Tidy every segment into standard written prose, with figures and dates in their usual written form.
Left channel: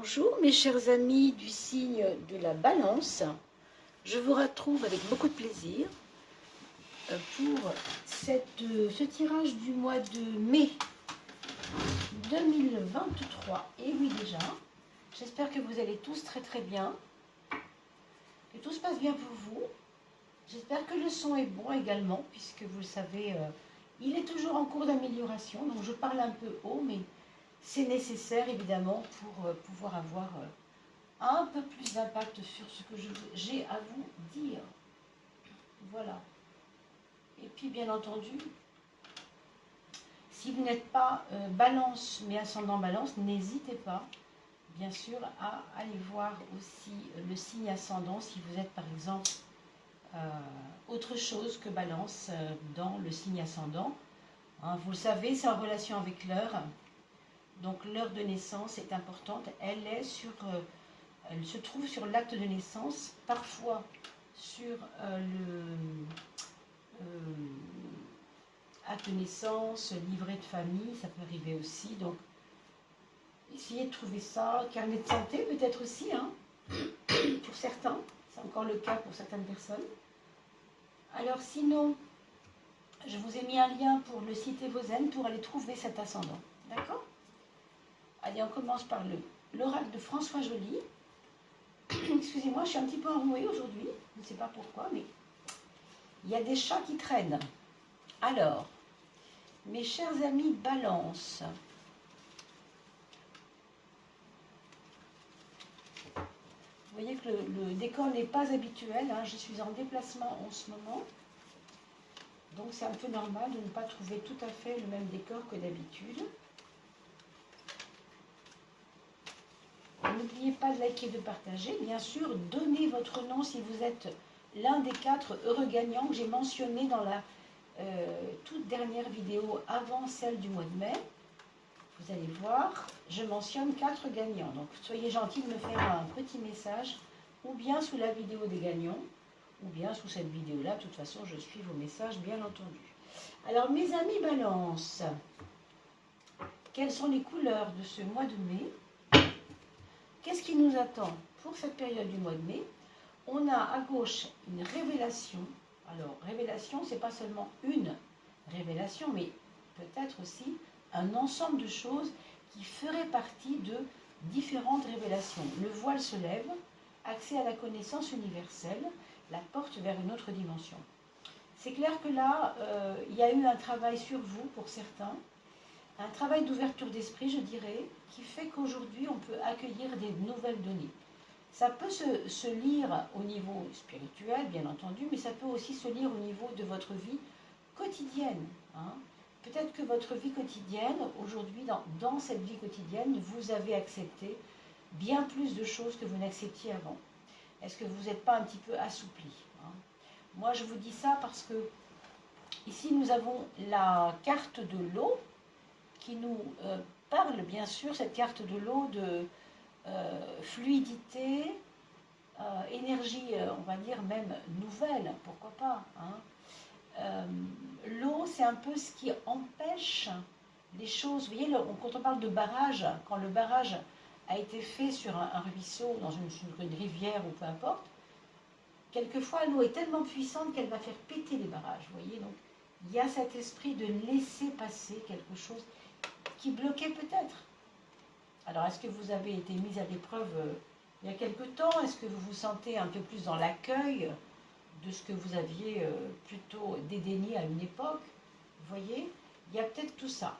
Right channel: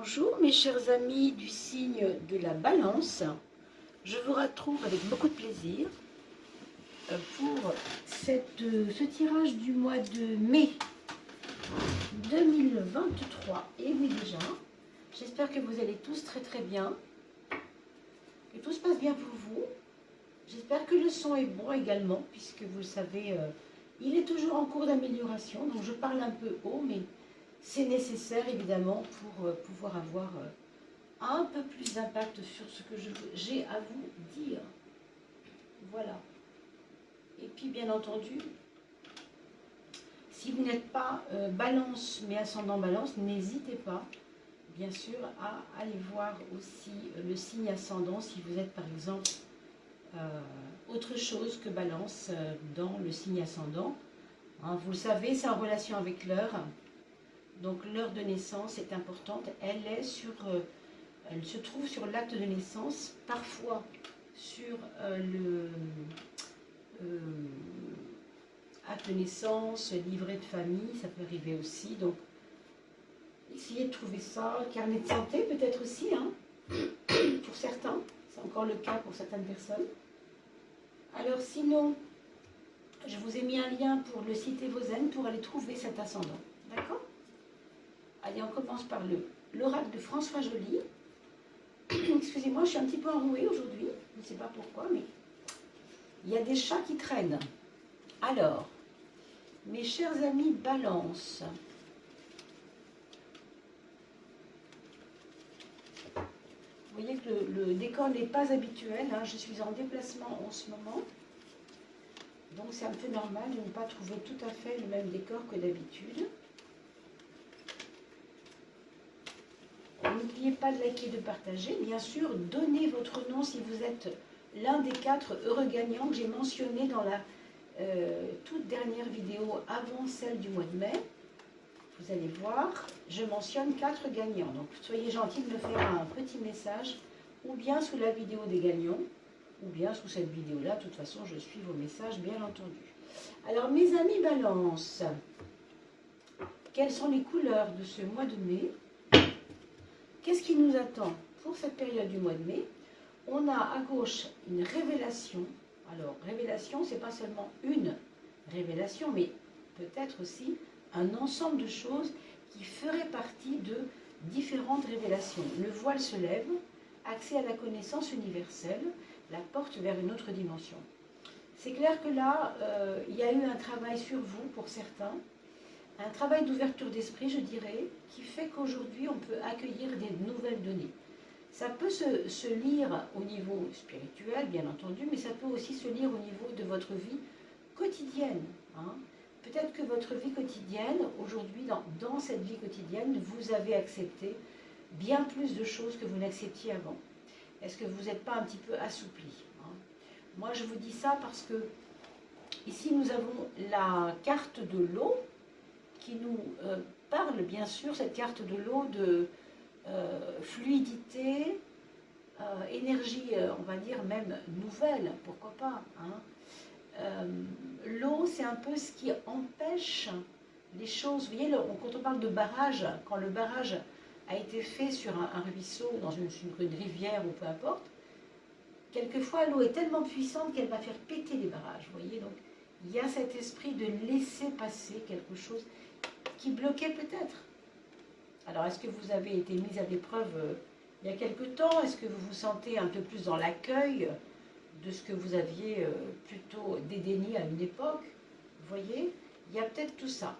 Bonjour mes chers amis du signe de la Balance, je vous retrouve avec beaucoup de plaisir pour ce tirage du mois de mai 2023. Et oui déjà, j'espère que vous allez tous très bien, que tout se passe bien pour vous. J'espère que le son est bon également, puisque vous le savez, il est toujours en cours d'amélioration, donc je parle un peu haut, mais c'est nécessaire évidemment pour pouvoir avoir un peu plus d'impact sur ce que j'ai à vous dire. Voilà. Et puis bien entendu, si vous n'êtes pas balance mais ascendant balance, n'hésitez pas bien sûr à aller voir aussi le signe ascendant si vous êtes par exemple autre chose que balance dans le signe ascendant. Hein, vous le savez, c'est en relation avec l'heure. Donc l'heure de naissance est importante. Elle se trouve sur l'acte de naissance, parfois sur acte de naissance, livret de famille, ça peut arriver aussi. Donc essayez de trouver ça. Carnet de santé peut-être aussi, hein, pour certains. C'est encore le cas pour certaines personnes. Alors sinon, je vous ai mis un lien pour le site Evozen pour aller trouver cet ascendant. D'accord ? Allez, on commence par l'oracle de François Joly. Excusez-moi, je suis un petit peu enrouée aujourd'hui. Je ne sais pas pourquoi, mais il y a des chats qui traînent. Alors, mes chers amis Balance, vous voyez que le décor n'est pas habituel. Hein. Je suis en déplacement en ce moment. Donc c'est un peu normal de ne pas trouver tout à fait le même décor que d'habitude. N'oubliez pas de liker et de partager. Bien sûr, donnez votre nom si vous êtes l'un des 4 heureux gagnants que j'ai mentionné dans la toute dernière vidéo avant celle du mois de mai. Vous allez voir, je mentionne 4 gagnants. Donc soyez gentils de me faire un petit message, ou bien sous la vidéo des gagnants, ou bien sous cette vidéo-là. De toute façon, je suis vos messages, bien entendu. Alors, mes amis Balance, quelles sont les couleurs de ce mois de mai ? Qu'est-ce qui nous attend pour cette période du mois de mai? On a à gauche une révélation. Alors, révélation, ce n'est pas seulement une révélation, mais peut-être aussi un ensemble de choses qui feraient partie de différentes révélations. Le voile se lève, accès à la connaissance universelle, la porte vers une autre dimension. C'est clair que là, il y a eu un travail sur vous pour certains, un travail d'ouverture d'esprit, je dirais, qui fait qu'aujourd'hui, on peut accueillir des nouvelles données. Ça peut se lire au niveau spirituel, bien entendu, mais ça peut aussi se lire au niveau de votre vie quotidienne. Hein. Peut-être que votre vie quotidienne, aujourd'hui, dans cette vie quotidienne, vous avez accepté bien plus de choses que vous n'acceptiez avant. Est-ce que vous n'êtes pas un petit peu assoupli, hein? Moi, je vous dis ça parce que ici, nous avons la carte de l'eau, qui nous parle bien sûr, cette carte de l'eau, de fluidité, énergie, on va dire même nouvelle, pourquoi pas. Hein. L'eau, c'est un peu ce qui empêche les choses. Vous voyez, quand on parle de barrage, quand le barrage a été fait sur un ruisseau, dans une rivière ou peu importe, quelquefois l'eau est tellement puissante qu'elle va faire péter les barrages. Vous voyez, donc il y a cet esprit de laisser passer quelque chose qui bloquait peut-être. Alors, est-ce que vous avez été mis à l'épreuve il y a quelque temps? Est-ce que vous vous sentez un peu plus dans l'accueil de ce que vous aviez plutôt dédaigné à une époque? Vous voyez, il y a peut-être tout ça.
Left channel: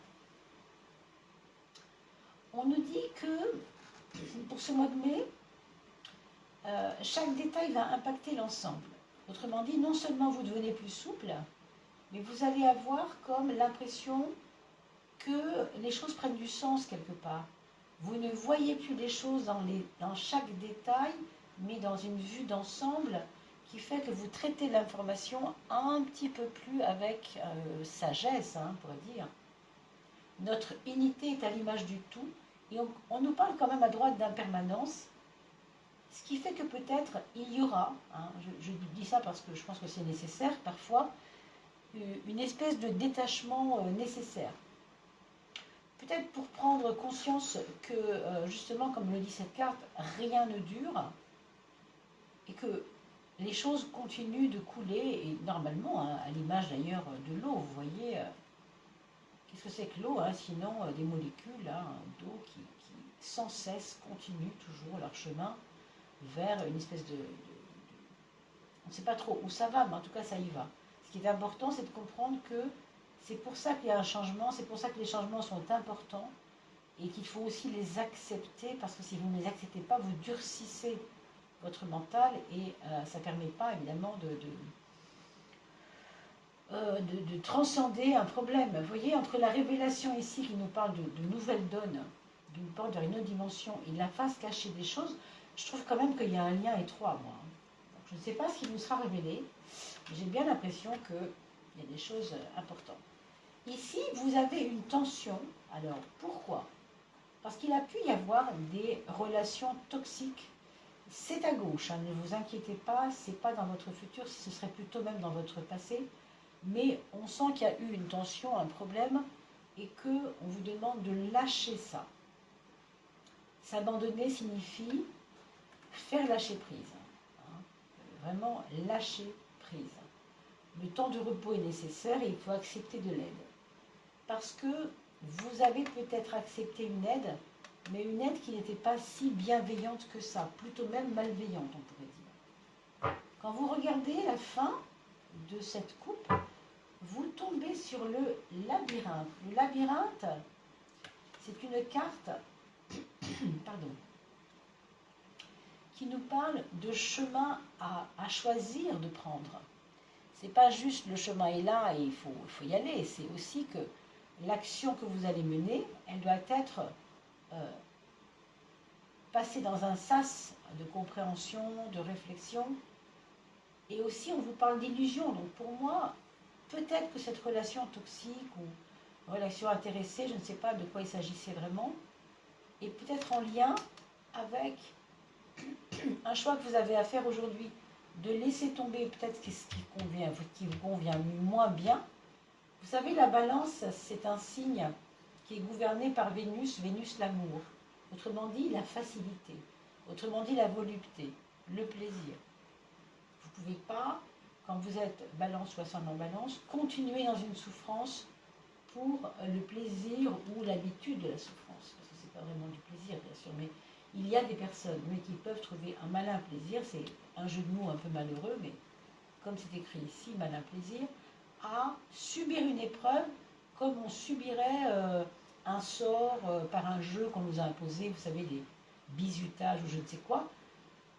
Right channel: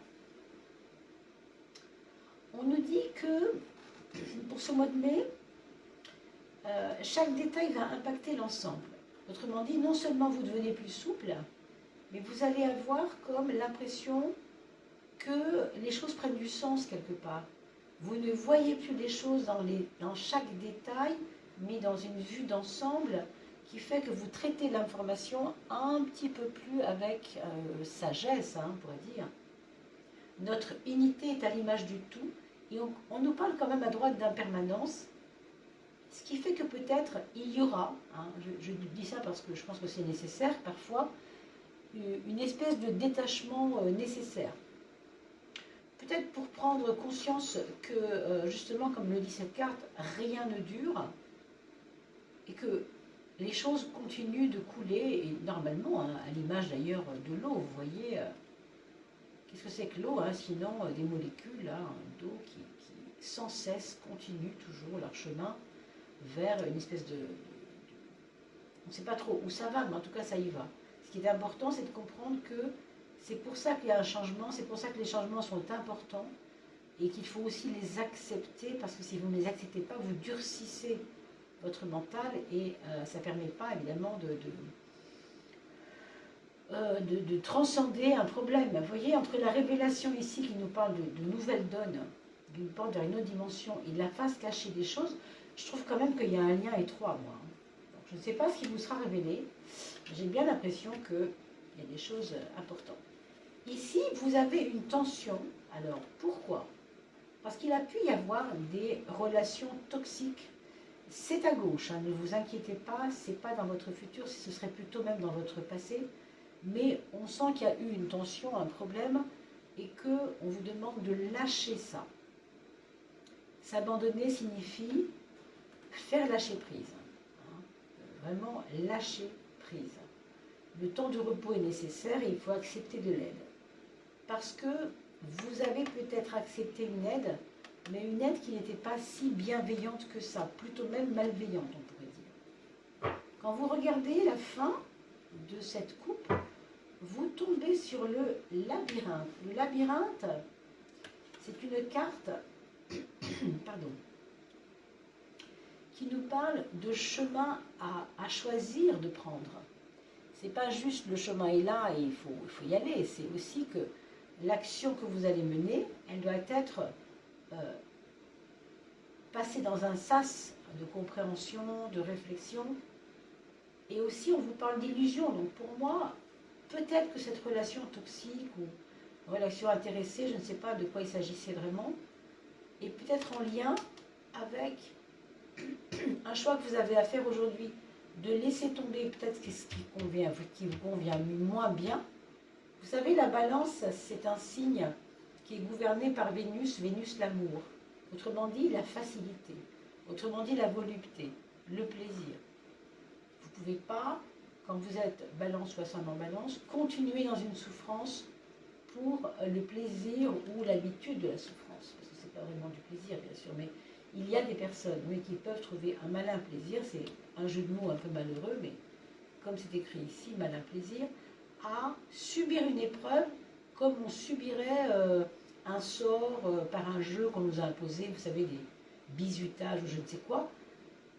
On nous dit que pour ce mois de mai, chaque détail va impacter l'ensemble. Autrement dit, non seulement vous devenez plus souple, mais vous allez avoir comme l'impression que les choses prennent du sens quelque part. Vous ne voyez plus les choses dans chaque détail, mais dans une vue d'ensemble qui fait que vous traitez l'information un petit peu plus avec sagesse, hein, on pourrait dire. Notre unité est à l'image du tout, et on nous parle quand même à droite d'impermanence, ce qui fait que peut-être il y aura, hein, je dis ça parce que je pense que c'est nécessaire parfois, une espèce de détachement nécessaire. peut-être pour prendre conscience que, justement, comme le dit cette carte, rien ne dure et que les choses continuent de couler, et normalement, hein, à l'image d'ailleurs de l'eau, vous voyez, qu'est-ce que c'est que l'eau, hein, sinon des molécules hein, d'eau qui sans cesse continuent toujours leur chemin vers une espèce de on ne sait pas trop où ça va, mais en tout cas ça y va. Ce qui est important, c'est de comprendre que c'est pour ça qu'il y a un changement, c'est pour ça que les changements sont importants et qu'il faut aussi les accepter, parce que si vous ne les acceptez pas, vous durcissez votre mental et ça ne permet pas évidemment de transcender un problème. Vous voyez, entre la révélation ici qui nous parle de nouvelles donnes, d'une porte vers une autre dimension, et la face cachée des choses, je trouve quand même qu'il y a un lien étroit, moi. Donc, je ne sais pas ce qui vous sera révélé, j'ai bien l'impression qu'il y a des choses importantes. Ici, vous avez une tension. Alors, pourquoi? Parce qu'il a pu y avoir des relations toxiques. C'est à gauche, hein, ne vous inquiétez pas, ce n'est pas dans votre futur, ce serait plutôt même dans votre passé. Mais on sent qu'il y a eu une tension, un problème, et qu'on vous demande de lâcher ça. S'abandonner signifie faire lâcher prise. Hein, vraiment lâcher prise. Le temps de repos est nécessaire et il faut accepter de l'aide. Parce que vous avez peut-être accepté une aide, mais une aide qui n'était pas si bienveillante que ça, plutôt même malveillante, on pourrait dire. Quand vous regardez la fin de cette coupe, vous tombez sur le labyrinthe. Le labyrinthe, c'est une carte pardon, qui nous parle de chemin à choisir de prendre. C'est pas juste le chemin est là et il faut y aller, c'est aussi que l'action que vous allez mener, elle doit être passée dans un sas de compréhension, de réflexion. Et aussi, on vous parle d'illusion. Donc pour moi, peut-être que cette relation toxique ou relation intéressée, je ne sais pas de quoi il s'agissait vraiment, est peut-être en lien avec un choix que vous avez à faire aujourd'hui, de laisser tomber peut-être ce qui vous convient moins bien. Vous savez, la balance, c'est un signe qui est gouverné par Vénus, Vénus l'amour. Autrement dit, la facilité. Autrement dit, la volupté, le plaisir. Vous ne pouvez pas, quand vous êtes balance ou ascendant balance, continuer dans une souffrance pour le plaisir ou l'habitude de la souffrance. Parce que ce n'est pas vraiment du plaisir, bien sûr, mais il y a des personnes qui peuvent trouver un malin plaisir, c'est un jeu de mots un peu malheureux, mais comme c'est écrit ici, malin plaisir, à subir une épreuve comme on subirait un sort par un jeu qu'on nous a imposé, vous savez, les bizutages ou je ne sais quoi.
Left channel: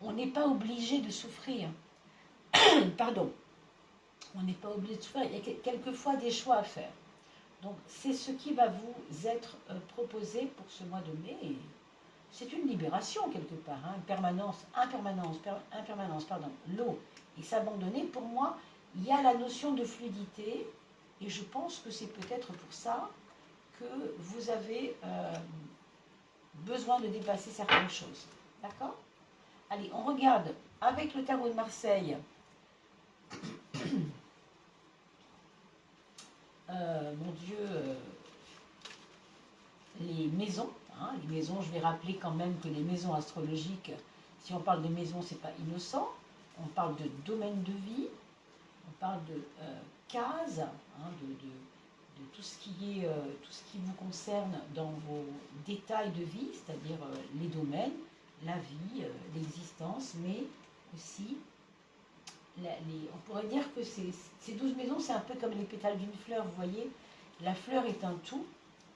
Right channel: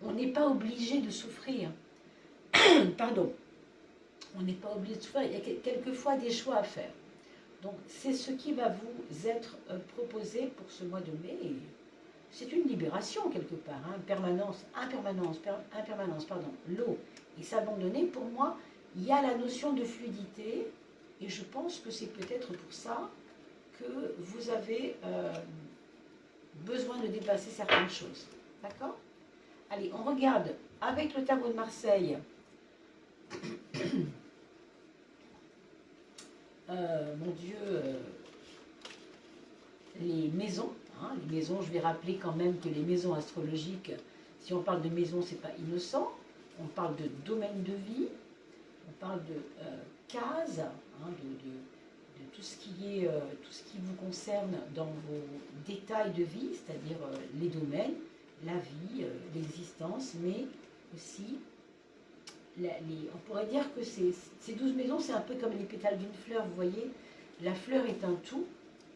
On n'est pas obligé de souffrir. Pardon. On n'est pas obligé de souffrir. Il y a quelquefois des choix à faire. Donc, c'est ce qui va vous être proposé pour ce mois de mai. C'est une libération quelque part. Hein. Impermanence, l'eau. Et s'abandonner, pour moi, il y a la notion de fluidité. Et je pense que c'est peut-être pour ça que vous avez besoin de dépasser certaines choses. D'accord? Allez, on regarde avec le tarot de Marseille. Mon Dieu, les maisons. Hein, les maisons, je vais rappeler quand même que les maisons astrologiques, si on parle de maisons, c'est pas innocent. On parle de domaine de vie, on parle de cases, hein, de tout ce qui est, tout ce qui vous concerne dans vos détails de vie, c'est-à-dire les domaines, la vie, l'existence, mais aussi on pourrait dire que ces 12 maisons, c'est un peu comme les pétales d'une fleur, vous voyez. La fleur est un tout,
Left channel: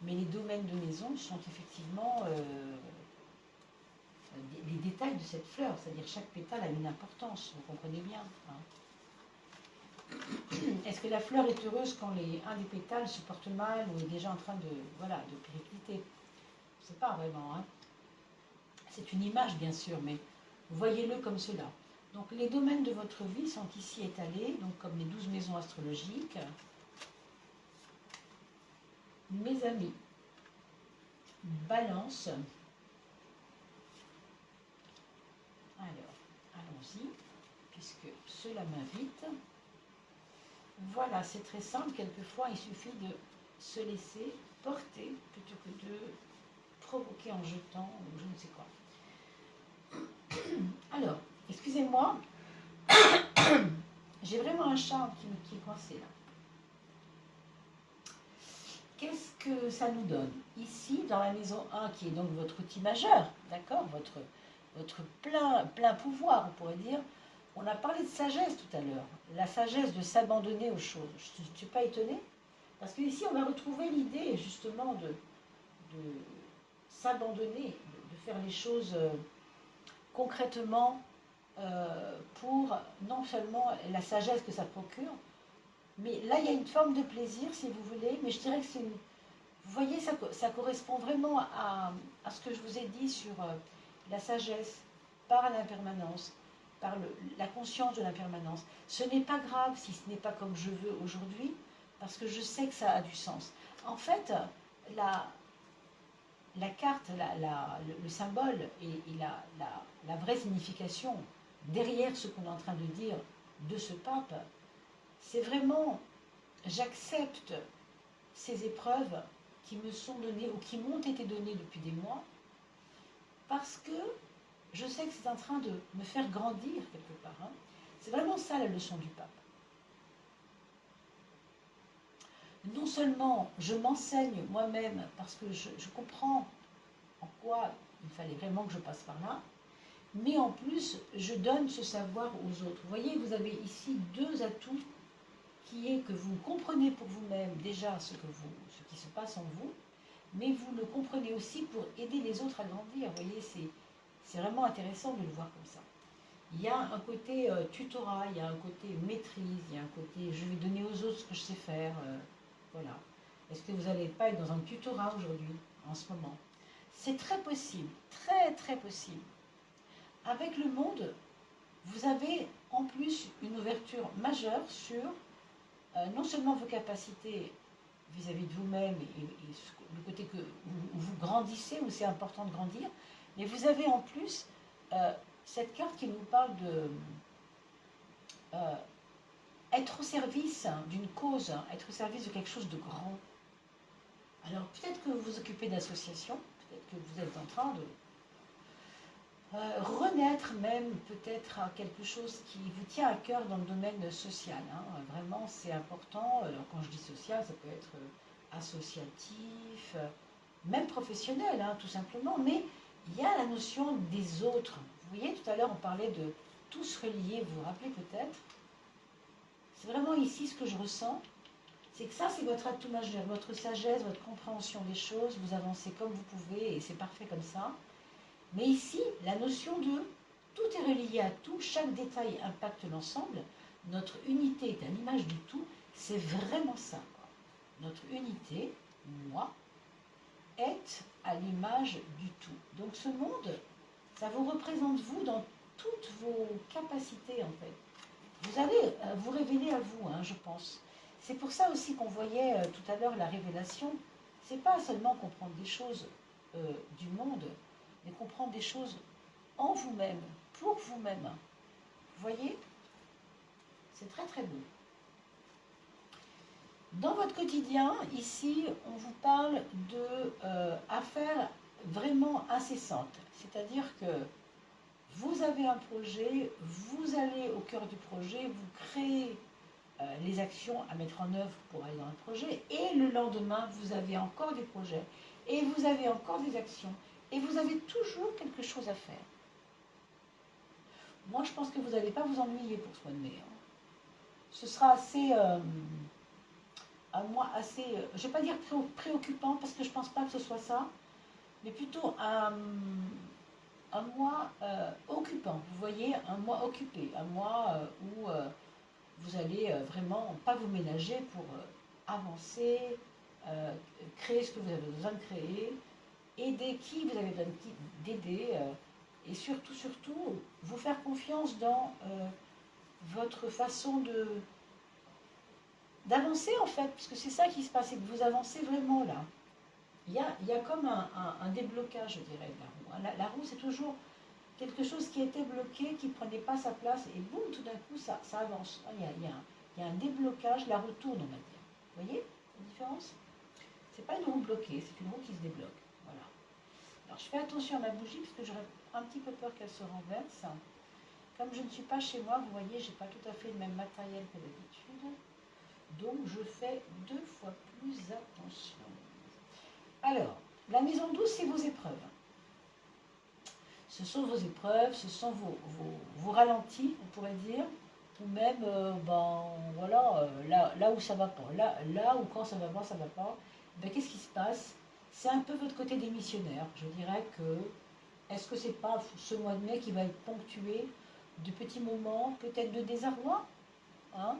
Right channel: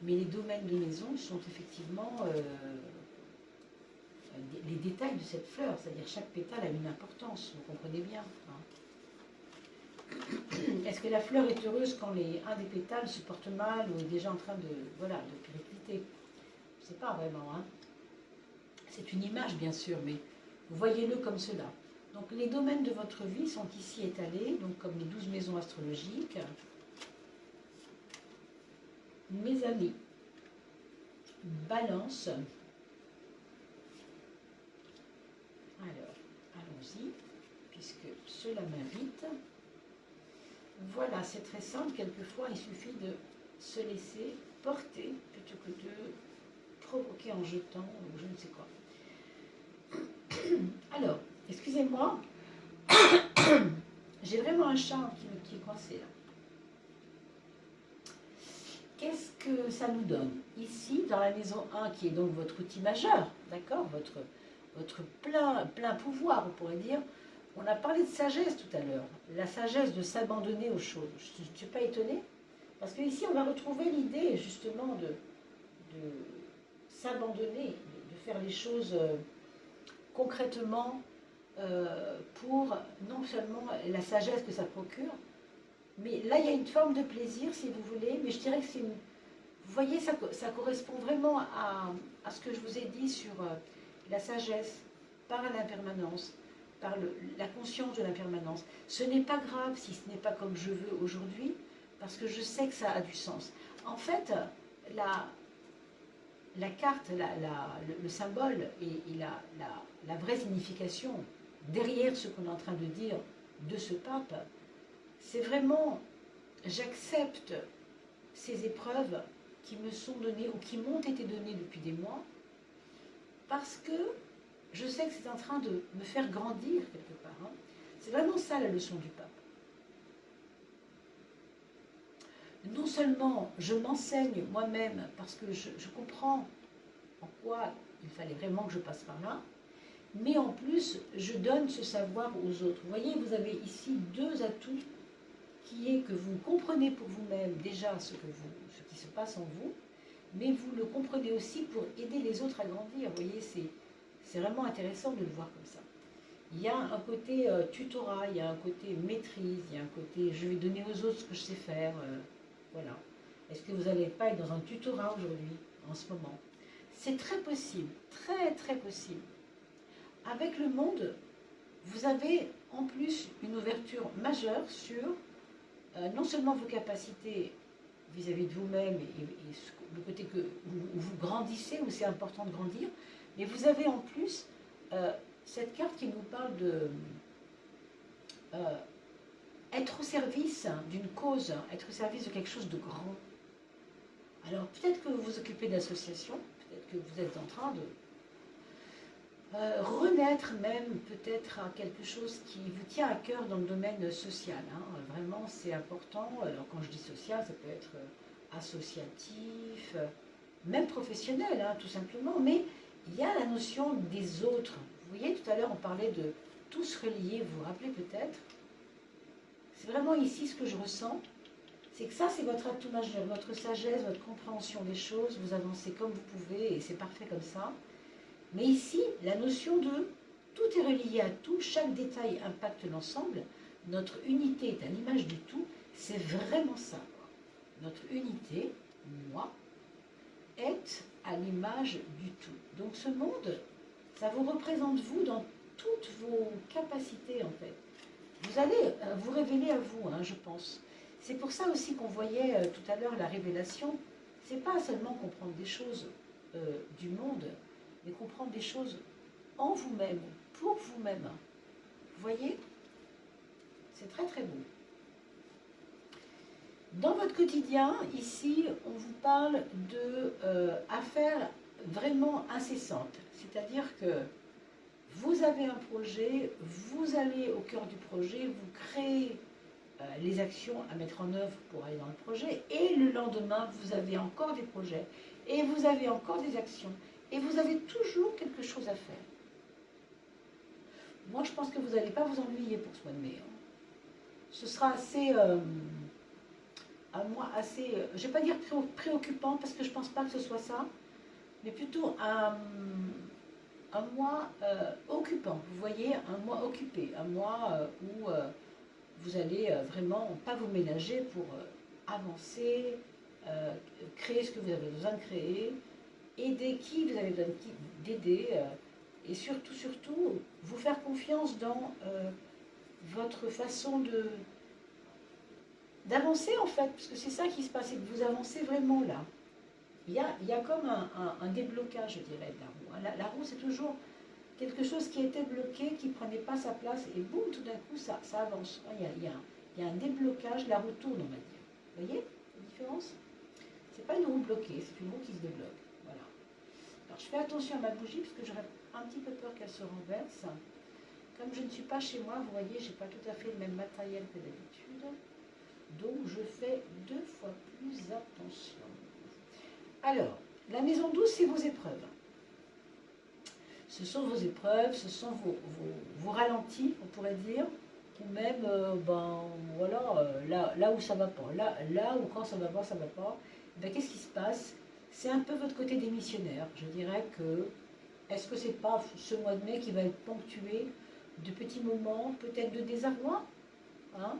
mais les domaines de maison sont effectivement les détails de cette fleur, c'est-à-dire chaque pétale a une importance, vous comprenez bien. Hein. Est-ce que la fleur est heureuse quand un des pétales se porte mal ou est déjà en train de péricliter? Je ne sais pas vraiment. Hein. C'est une image, bien sûr, mais voyez-le comme cela. Donc les domaines de votre vie sont ici étalés, donc comme les 12 maisons astrologiques. Mes amis, Balance. Alors, allons-y, puisque cela m'invite. Voilà, c'est très simple, quelquefois il suffit de se laisser porter plutôt que de provoquer en jetant ou je ne sais quoi. Alors, excusez-moi, j'ai vraiment un chat qui est coincé là. Qu'est-ce que ça nous donne? Ici, dans la maison 1, qui est donc votre outil majeur, d'accord, votre plein pouvoir, on pourrait dire, on a parlé de sagesse tout à l'heure, la sagesse de s'abandonner aux choses. Je ne suis pas étonnée, parce qu'ici, on va retrouver l'idée justement de s'abandonner, de faire les choses concrètement pour non seulement la sagesse que ça procure, mais là, il y a une forme de plaisir, si vous voulez, mais je dirais que c'est une... Vous voyez, ça correspond vraiment à ce que je vous ai dit sur la sagesse par l'impermanence, par la conscience de l'impermanence. Ce n'est pas grave si ce n'est pas comme je veux aujourd'hui, parce que je sais que ça a du sens. En fait, la carte, le symbole et la vraie signification derrière ce qu'on est en train de dire de ce pape, c'est vraiment, j'accepte ces épreuves qui me sont données ou qui m'ont été données depuis des mois, parce que je sais que c'est en train de me faire grandir quelque part. Hein. C'est vraiment ça la leçon du pape. Non seulement je m'enseigne moi-même parce que je comprends en quoi il fallait vraiment que je passe par là, mais en plus je donne ce savoir aux autres. Vous voyez, vous avez ici deux atouts qui est que vous comprenez pour vous-même déjà ce qui se passe en vous, mais vous le comprenez aussi pour aider les autres à grandir. Vous voyez, c'est vraiment intéressant de le voir comme ça. Il y a un côté tutorat, il y a un côté maîtrise, il y a un côté je vais donner aux autres ce que je sais faire. Voilà. Est-ce que vous n'allez pas être dans un tutorat aujourd'hui, en ce moment? C'est très possible, très très possible. Avec le monde, vous avez en plus une ouverture majeure sur non seulement vos capacités vis-à-vis de vous-même et le côté où vous grandissez, où c'est important de grandir, mais vous avez en plus cette carte qui nous parle de être au service d'une cause, être au service de quelque chose de grand. Alors peut-être que vous vous occupez d'associations, peut-être que vous êtes en train de renaître même peut-être à quelque chose qui vous tient à cœur dans le domaine social. Hein. Vraiment, c'est important. Alors, quand je dis social, ça peut être associatif, même professionnel, hein, tout simplement. Mais il y a la notion des autres. Vous voyez, tout à l'heure, on parlait de tous reliés. Vous vous rappelez peut-être? C'est vraiment ici ce que je ressens. C'est que ça, c'est votre atout majeur, votre sagesse, votre compréhension des choses. Vous avancez comme vous pouvez et c'est parfait comme ça. Mais ici, la notion de tout est relié à tout, chaque détail impacte l'ensemble, notre unité est à l'image du tout, c'est vraiment ça. Quoi. Notre unité, moi, est à l'image du tout. Donc ce monde, ça vous représente vous dans toutes vos capacités en fait. Vous allez vous révéler à vous, hein, je pense. C'est pour ça aussi qu'on voyait tout à l'heure la révélation. C'est pas seulement comprendre des choses du monde, mais comprendre des choses en vous-même, pour vous-même. Vous voyez? C'est très très beau. Dans votre quotidien, ici, on vous parle d'affaires vraiment incessantes. C'est-à-dire que vous avez un projet, vous allez au cœur du projet, vous créez les actions à mettre en œuvre pour aller dans le projet, et le lendemain, vous avez encore des projets, et vous avez encore des actions. Et vous avez toujours quelque chose à faire. Moi, je pense que vous n'allez pas vous ennuyer pour ce mois de mai. Hein. Ce sera assez, un mois assez, je ne vais pas dire préoccupant, parce que je ne pense pas que ce soit ça, mais plutôt un mois occupant. Vous voyez, un mois occupé, un mois où vous allez vraiment pas vous ménager pour avancer, créer ce que vous avez besoin de créer, aider qui vous avez besoin d'aider, et surtout, vous faire confiance dans votre façon d'avancer en fait, parce que c'est ça qui se passe, c'est que vous avancez vraiment là. Il y a comme un déblocage, je dirais, de la roue. Hein. La roue, c'est toujours quelque chose qui était bloqué, qui ne prenait pas sa place, et boum, tout d'un coup, ça avance. Il y a un déblocage, la roue tourne, on va dire. Vous voyez la différence? C'est pas une roue bloquée, c'est une roue qui se débloque. Voilà. Alors je fais attention à ma bougie parce que j'aurais un petit peu peur qu'elle se renverse. Comme je ne suis pas chez moi, vous voyez, j'ai pas tout à fait le même matériel que d'habitude. Donc je fais 2 fois plus attention. Alors, la maison 12, c'est vos épreuves. Ce sont vos épreuves, ce sont vos ralentis, on pourrait dire, ou même, voilà, là où ça ne va pas, là où quand ça ne va pas, ça ne va pas. Ben, qu'est-ce qui se passe? C'est un peu votre côté démissionnaire. Je dirais que, est-ce que c'est pas ce mois de mai qui va être ponctué de petits moments, peut-être de désarroi, hein,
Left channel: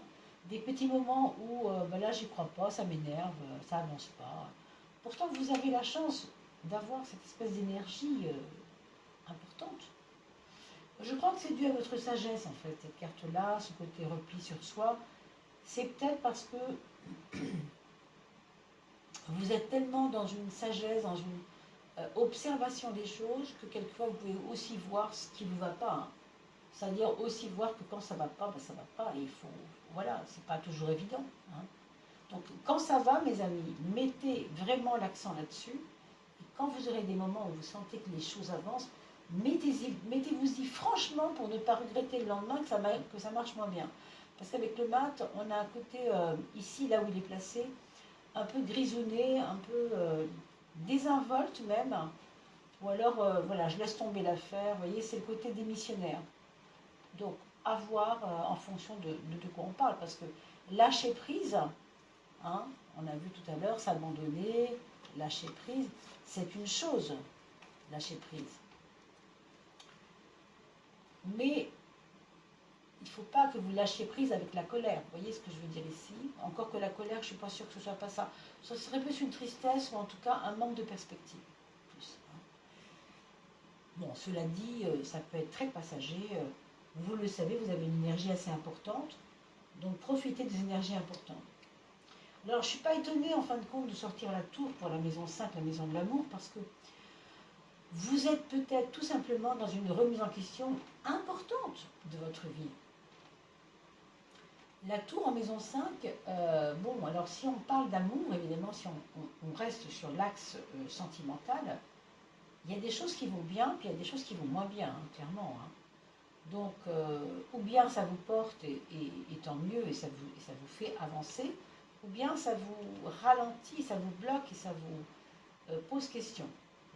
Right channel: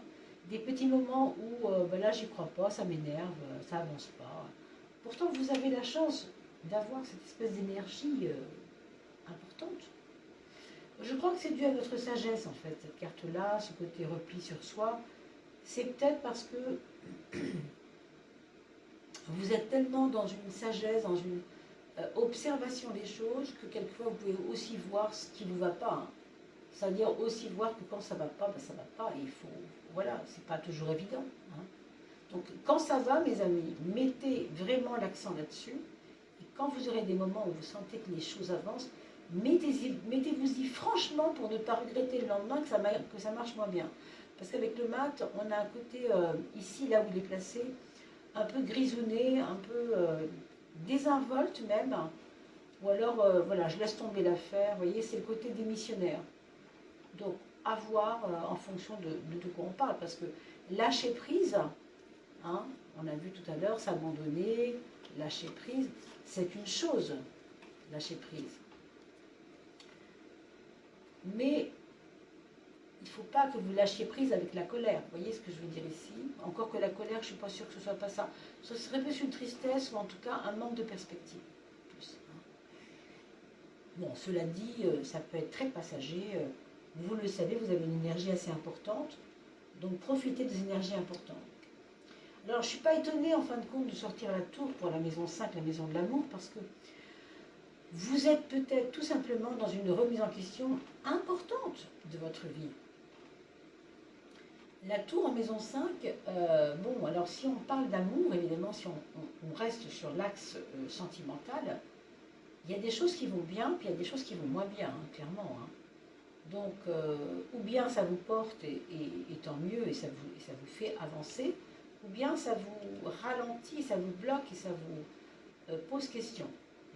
des petits moments où, là, j'y crois pas, ça m'énerve, ça avance pas. Pourtant, vous avez la chance d'avoir cette espèce d'énergie importante. Je crois que c'est dû à votre sagesse, en fait, cette carte-là, ce côté repli sur soi. C'est peut-être parce que vous êtes tellement dans une sagesse, dans une observation des choses, que quelquefois vous pouvez aussi voir ce qui ne va pas. Hein. C'est-à-dire aussi voir que quand ça ne va pas, ben ça ne va pas. Et il faut, voilà, c'est pas toujours évident. Hein. Donc quand ça va, mes amis, mettez vraiment l'accent là-dessus. Et quand vous aurez des moments où vous sentez que les choses avancent, mettez-vous-y franchement pour ne pas regretter le lendemain que ça marche moins bien. Parce qu'avec le mat, on a un côté, ici, là où il est placé, un peu grisonné, un peu désinvolte même. Ou alors, voilà, je laisse tomber l'affaire. Vous voyez, c'est le côté démissionnaire. Donc, à voir en fonction de quoi on parle. Parce que lâcher prise, hein, on a vu tout à l'heure, s'abandonner, lâcher prise, c'est une chose, lâcher prise. Mais il ne faut pas que vous lâchiez prise avec la colère. Vous voyez ce que je veux dire ici? Encore que la colère, je ne suis pas sûre que ce ne soit pas ça. Ce serait plus une tristesse ou en tout cas un manque de perspective. Plus, hein. Bon, cela dit, ça peut être très passager. Vous le savez, vous avez une énergie assez importante. Donc profitez des énergies importantes. Alors, je ne suis pas étonnée en fin de compte de sortir la tour pour la maison 5, la maison de l'amour, parce que vous êtes peut-être tout simplement dans une remise en question importante de votre vie. La tour en maison 5, bon, alors si on parle d'amour, évidemment, si on reste sur l'axe sentimental, il y a des choses qui vont bien, puis il y a des choses qui vont moins bien, hein, clairement. Hein. Donc, ou bien ça vous porte et tant mieux, et ça vous fait avancer, ou bien ça vous ralentit, ça vous bloque et ça vous pose question.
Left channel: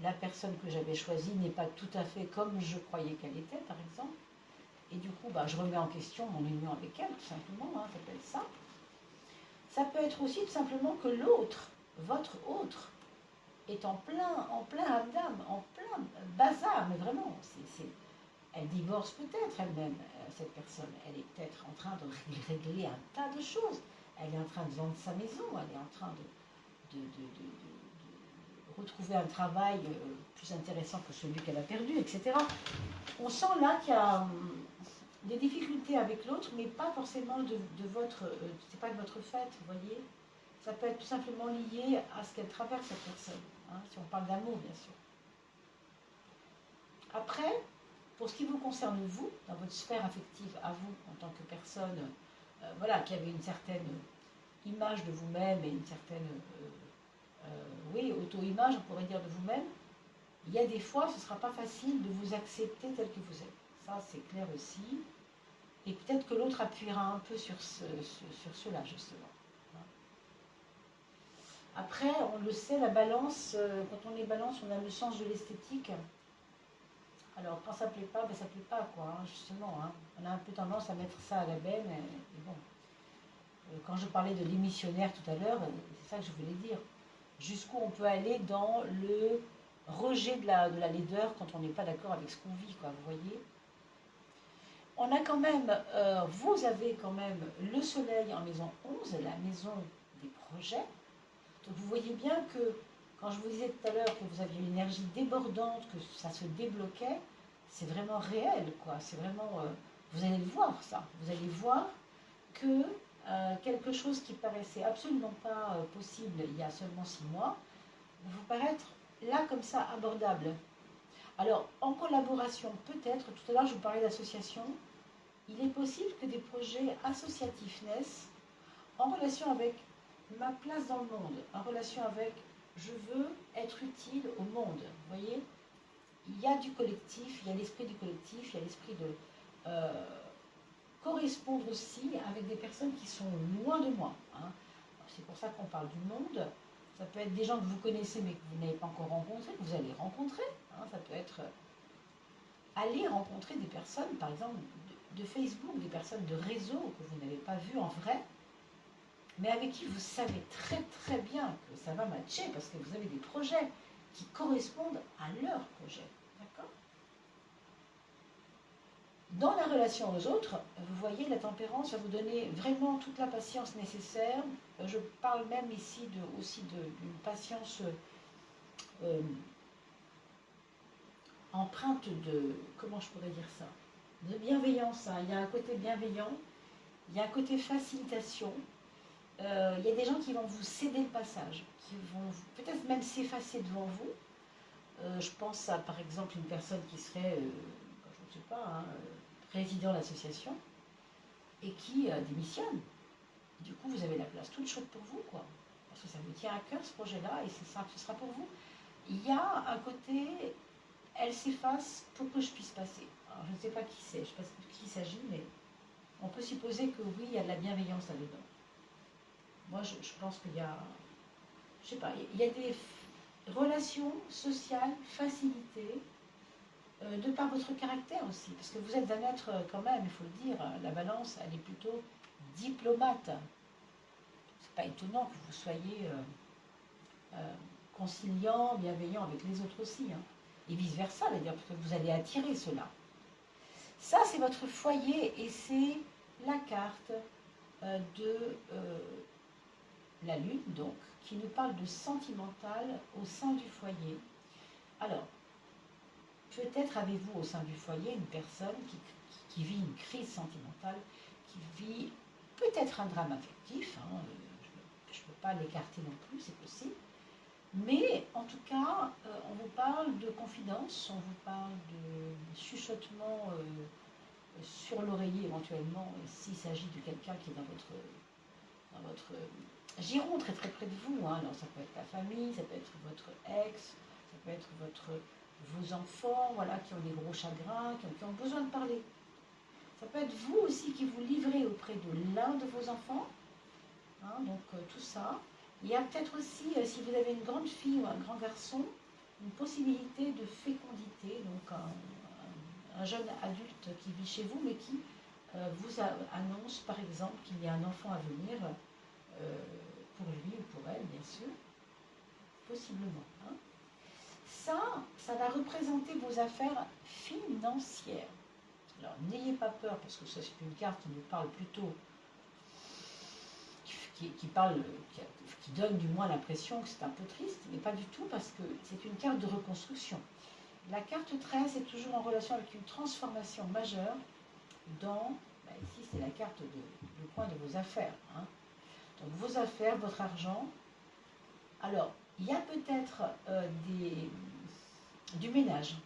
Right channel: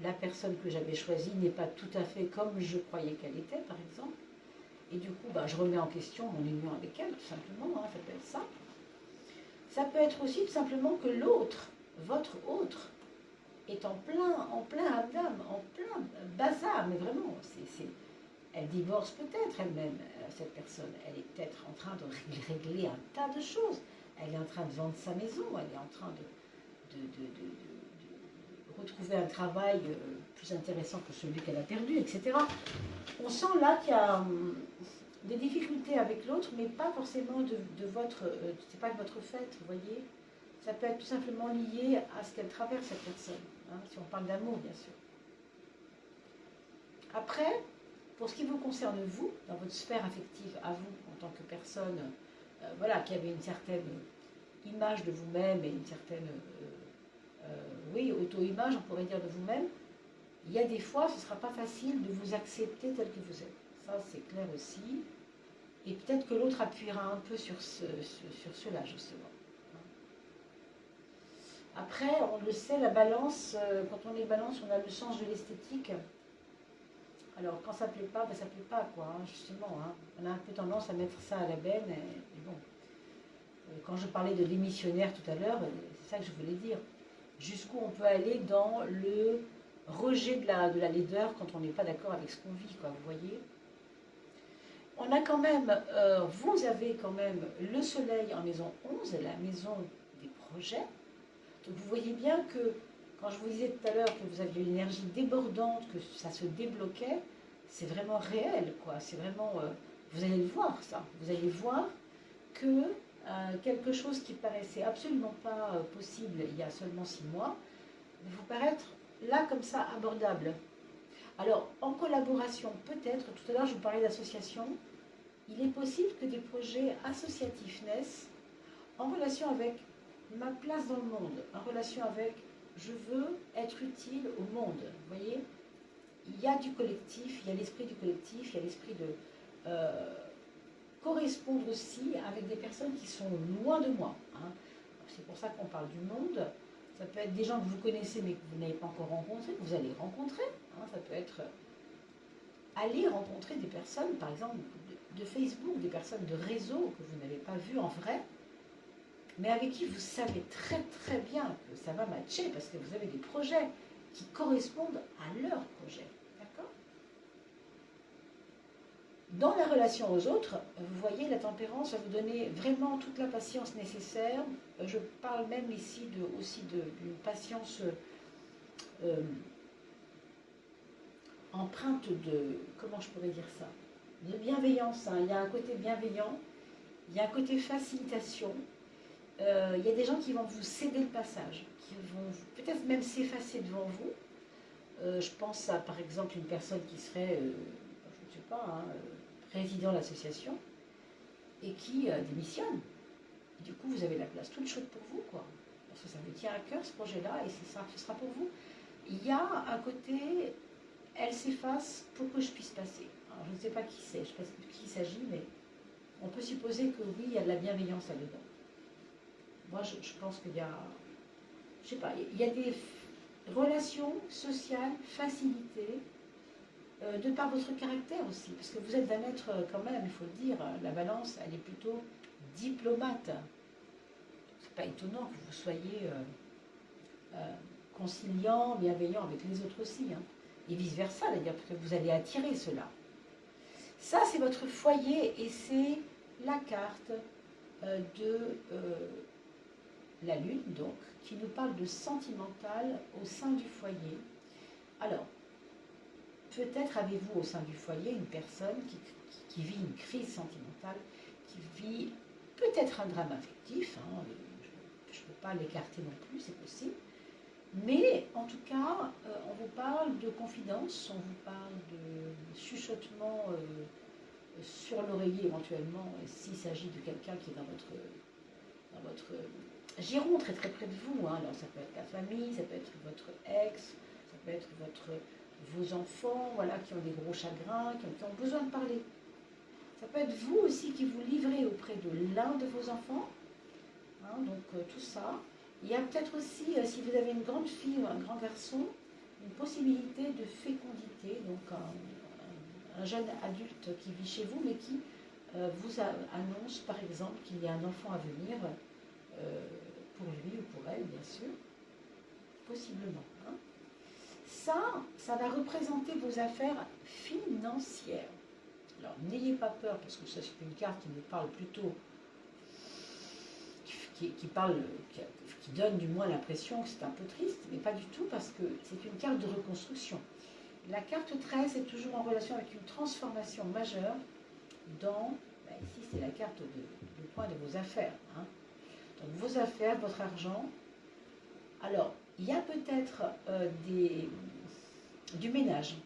La personne que j'avais choisie n'est pas tout à fait comme je croyais qu'elle était, par exemple. Et du coup, je remets en question mon union avec elle, tout simplement. Hein, ça peut être ça. Ça peut être aussi tout simplement que l'autre, votre autre, est en plein âme, en plein bazar. Mais vraiment, elle divorce peut-être elle-même, cette personne. Elle est peut-être en train de régler un tas de choses. Elle est en train de vendre sa maison, elle est en train de retrouver un travail plus intéressant que celui qu'elle a perdu, etc. On sent là qu'il y a des difficultés avec l'autre, mais pas forcément de votre, c'est pas de votre fait, vous voyez. Ça peut être tout simplement lié à ce qu'elle traverse, cette personne, hein, si on parle d'amour, bien sûr. Après, pour ce qui vous concerne, vous, dans votre sphère affective, à vous, en tant que personne, voilà, qui avait une certaine image de vous-même et une certaine, oui, auto-image, on pourrait dire, de vous-même, il y a des fois, ce ne sera pas facile de vous accepter tel que vous êtes. Ça, c'est clair aussi. Et peut-être que l'autre appuiera un peu sur cela, justement. Après, on le sait, la balance, quand on est balance, on a le sens de l'esthétique. Alors, quand ça ne plaît pas, ça ne plaît pas, quoi, hein, justement. Hein. On a un peu tendance à mettre ça à la benne, et bon. Quand je parlais de démissionnaire tout à l'heure, c'est ça que je voulais dire. Jusqu'où on peut aller dans le rejet de la laideur quand on n'est pas d'accord avec ce qu'on vit, quoi, vous voyez. On a quand même, vous avez quand même le soleil en maison 11, la maison des projets. Donc vous voyez bien que, quand je vous disais tout à l'heure que vous aviez une énergie débordante, que ça se débloquait, c'est vraiment réel, quoi. C'est vraiment, vous allez le voir, ça. Vous allez voir que quelque chose qui paraissait absolument pas possible il y a seulement 6 mois, va vous paraître là, comme ça, abordable. Alors, en collaboration, peut-être, tout à l'heure je vous parlais d'association, il est possible que des projets associatifs naissent en relation avec ma place dans le monde, en relation avec je veux être utile au monde. Vous voyez, il y a du collectif, il y a l'esprit du collectif, il y a l'esprit de correspondre aussi avec des personnes qui sont loin de moi. Hein. C'est pour ça qu'on parle du monde. Ça peut être des gens que vous connaissez mais que vous n'avez pas encore rencontrés, que vous allez rencontrer. Hein. Ça peut être aller rencontrer des personnes, par exemple, de Facebook, des personnes de réseau que vous n'avez pas vues en vrai, mais avec qui vous savez très très bien que ça va matcher parce que vous avez des projets qui correspondent à leur projet. D'accord ? Dans la relation aux autres, vous voyez, la tempérance va vous donner vraiment toute la patience nécessaire. Je parle même ici aussi d'une patience empreinte de, comment je pourrais dire ça, de bienveillance. Hein. Il y a un côté bienveillant, il y a un côté facilitation. Il y a des gens qui vont vous céder le passage, qui vont peut-être même s'effacer devant vous. Je pense à, par exemple, une personne qui serait, je ne sais pas, hein, président de l'association et qui démissionne. Du coup, vous avez la place toute chaude pour vous, quoi. Parce que ça vous tient à cœur, ce projet-là, et ce sera pour vous. Il y a un côté, elle s'efface pour que je puisse passer. Alors, je ne sais pas qui c'est, je ne sais pas de qui il s'agit, mais on peut supposer que oui, il y a de la bienveillance là-dedans. Moi, je pense qu'il y a, je sais pas, il y a des relations sociales facilitées de par votre caractère aussi, parce que vous êtes un être quand même, il faut le dire, la balance, elle est plutôt diplomate. C'est pas étonnant que vous soyez conciliant, bienveillant avec les autres aussi, hein, et vice-versa, d'ailleurs, parce que vous allez attirer cela. Ça, c'est votre foyer et c'est la carte de la Lune, donc, qui nous parle de sentimental au sein du foyer. Alors, peut-être avez-vous au sein du foyer une personne qui vit une crise sentimentale, qui vit peut-être un drame affectif, hein, je ne peux pas l'écarter non plus, c'est possible, mais en tout cas, on vous parle de confidence, on vous parle de chuchotement sur l'oreiller éventuellement, s'il s'agit de quelqu'un qui est dans votre giron très très près de vous. Hein. Alors ça peut être la famille, ça peut être votre ex, ça peut être vos enfants, voilà, qui ont des gros chagrins, qui ont besoin de parler. Ça peut être vous aussi qui vous livrez auprès de l'un de vos enfants. Hein, donc tout ça. Il y a peut-être aussi, si vous avez une grande fille ou un grand garçon, une possibilité de fécondité, donc un jeune adulte qui vit chez vous, mais qui vous annonce par exemple qu'il y a un enfant à venir, pour lui ou pour elle, bien sûr, possiblement. Hein. Ça va représenter vos affaires financières. Alors, n'ayez pas peur, parce que ça, c'est une carte qui nous parle plutôt, qui donne du moins l'impression que c'est un peu triste, mais pas du tout, parce que c'est une carte de reconstruction. La carte 13 est toujours en relation avec une transformation majeure dans, ici c'est la carte le point de vos affaires. Hein. Donc vos affaires, votre argent. Alors, il y a peut-être du ménage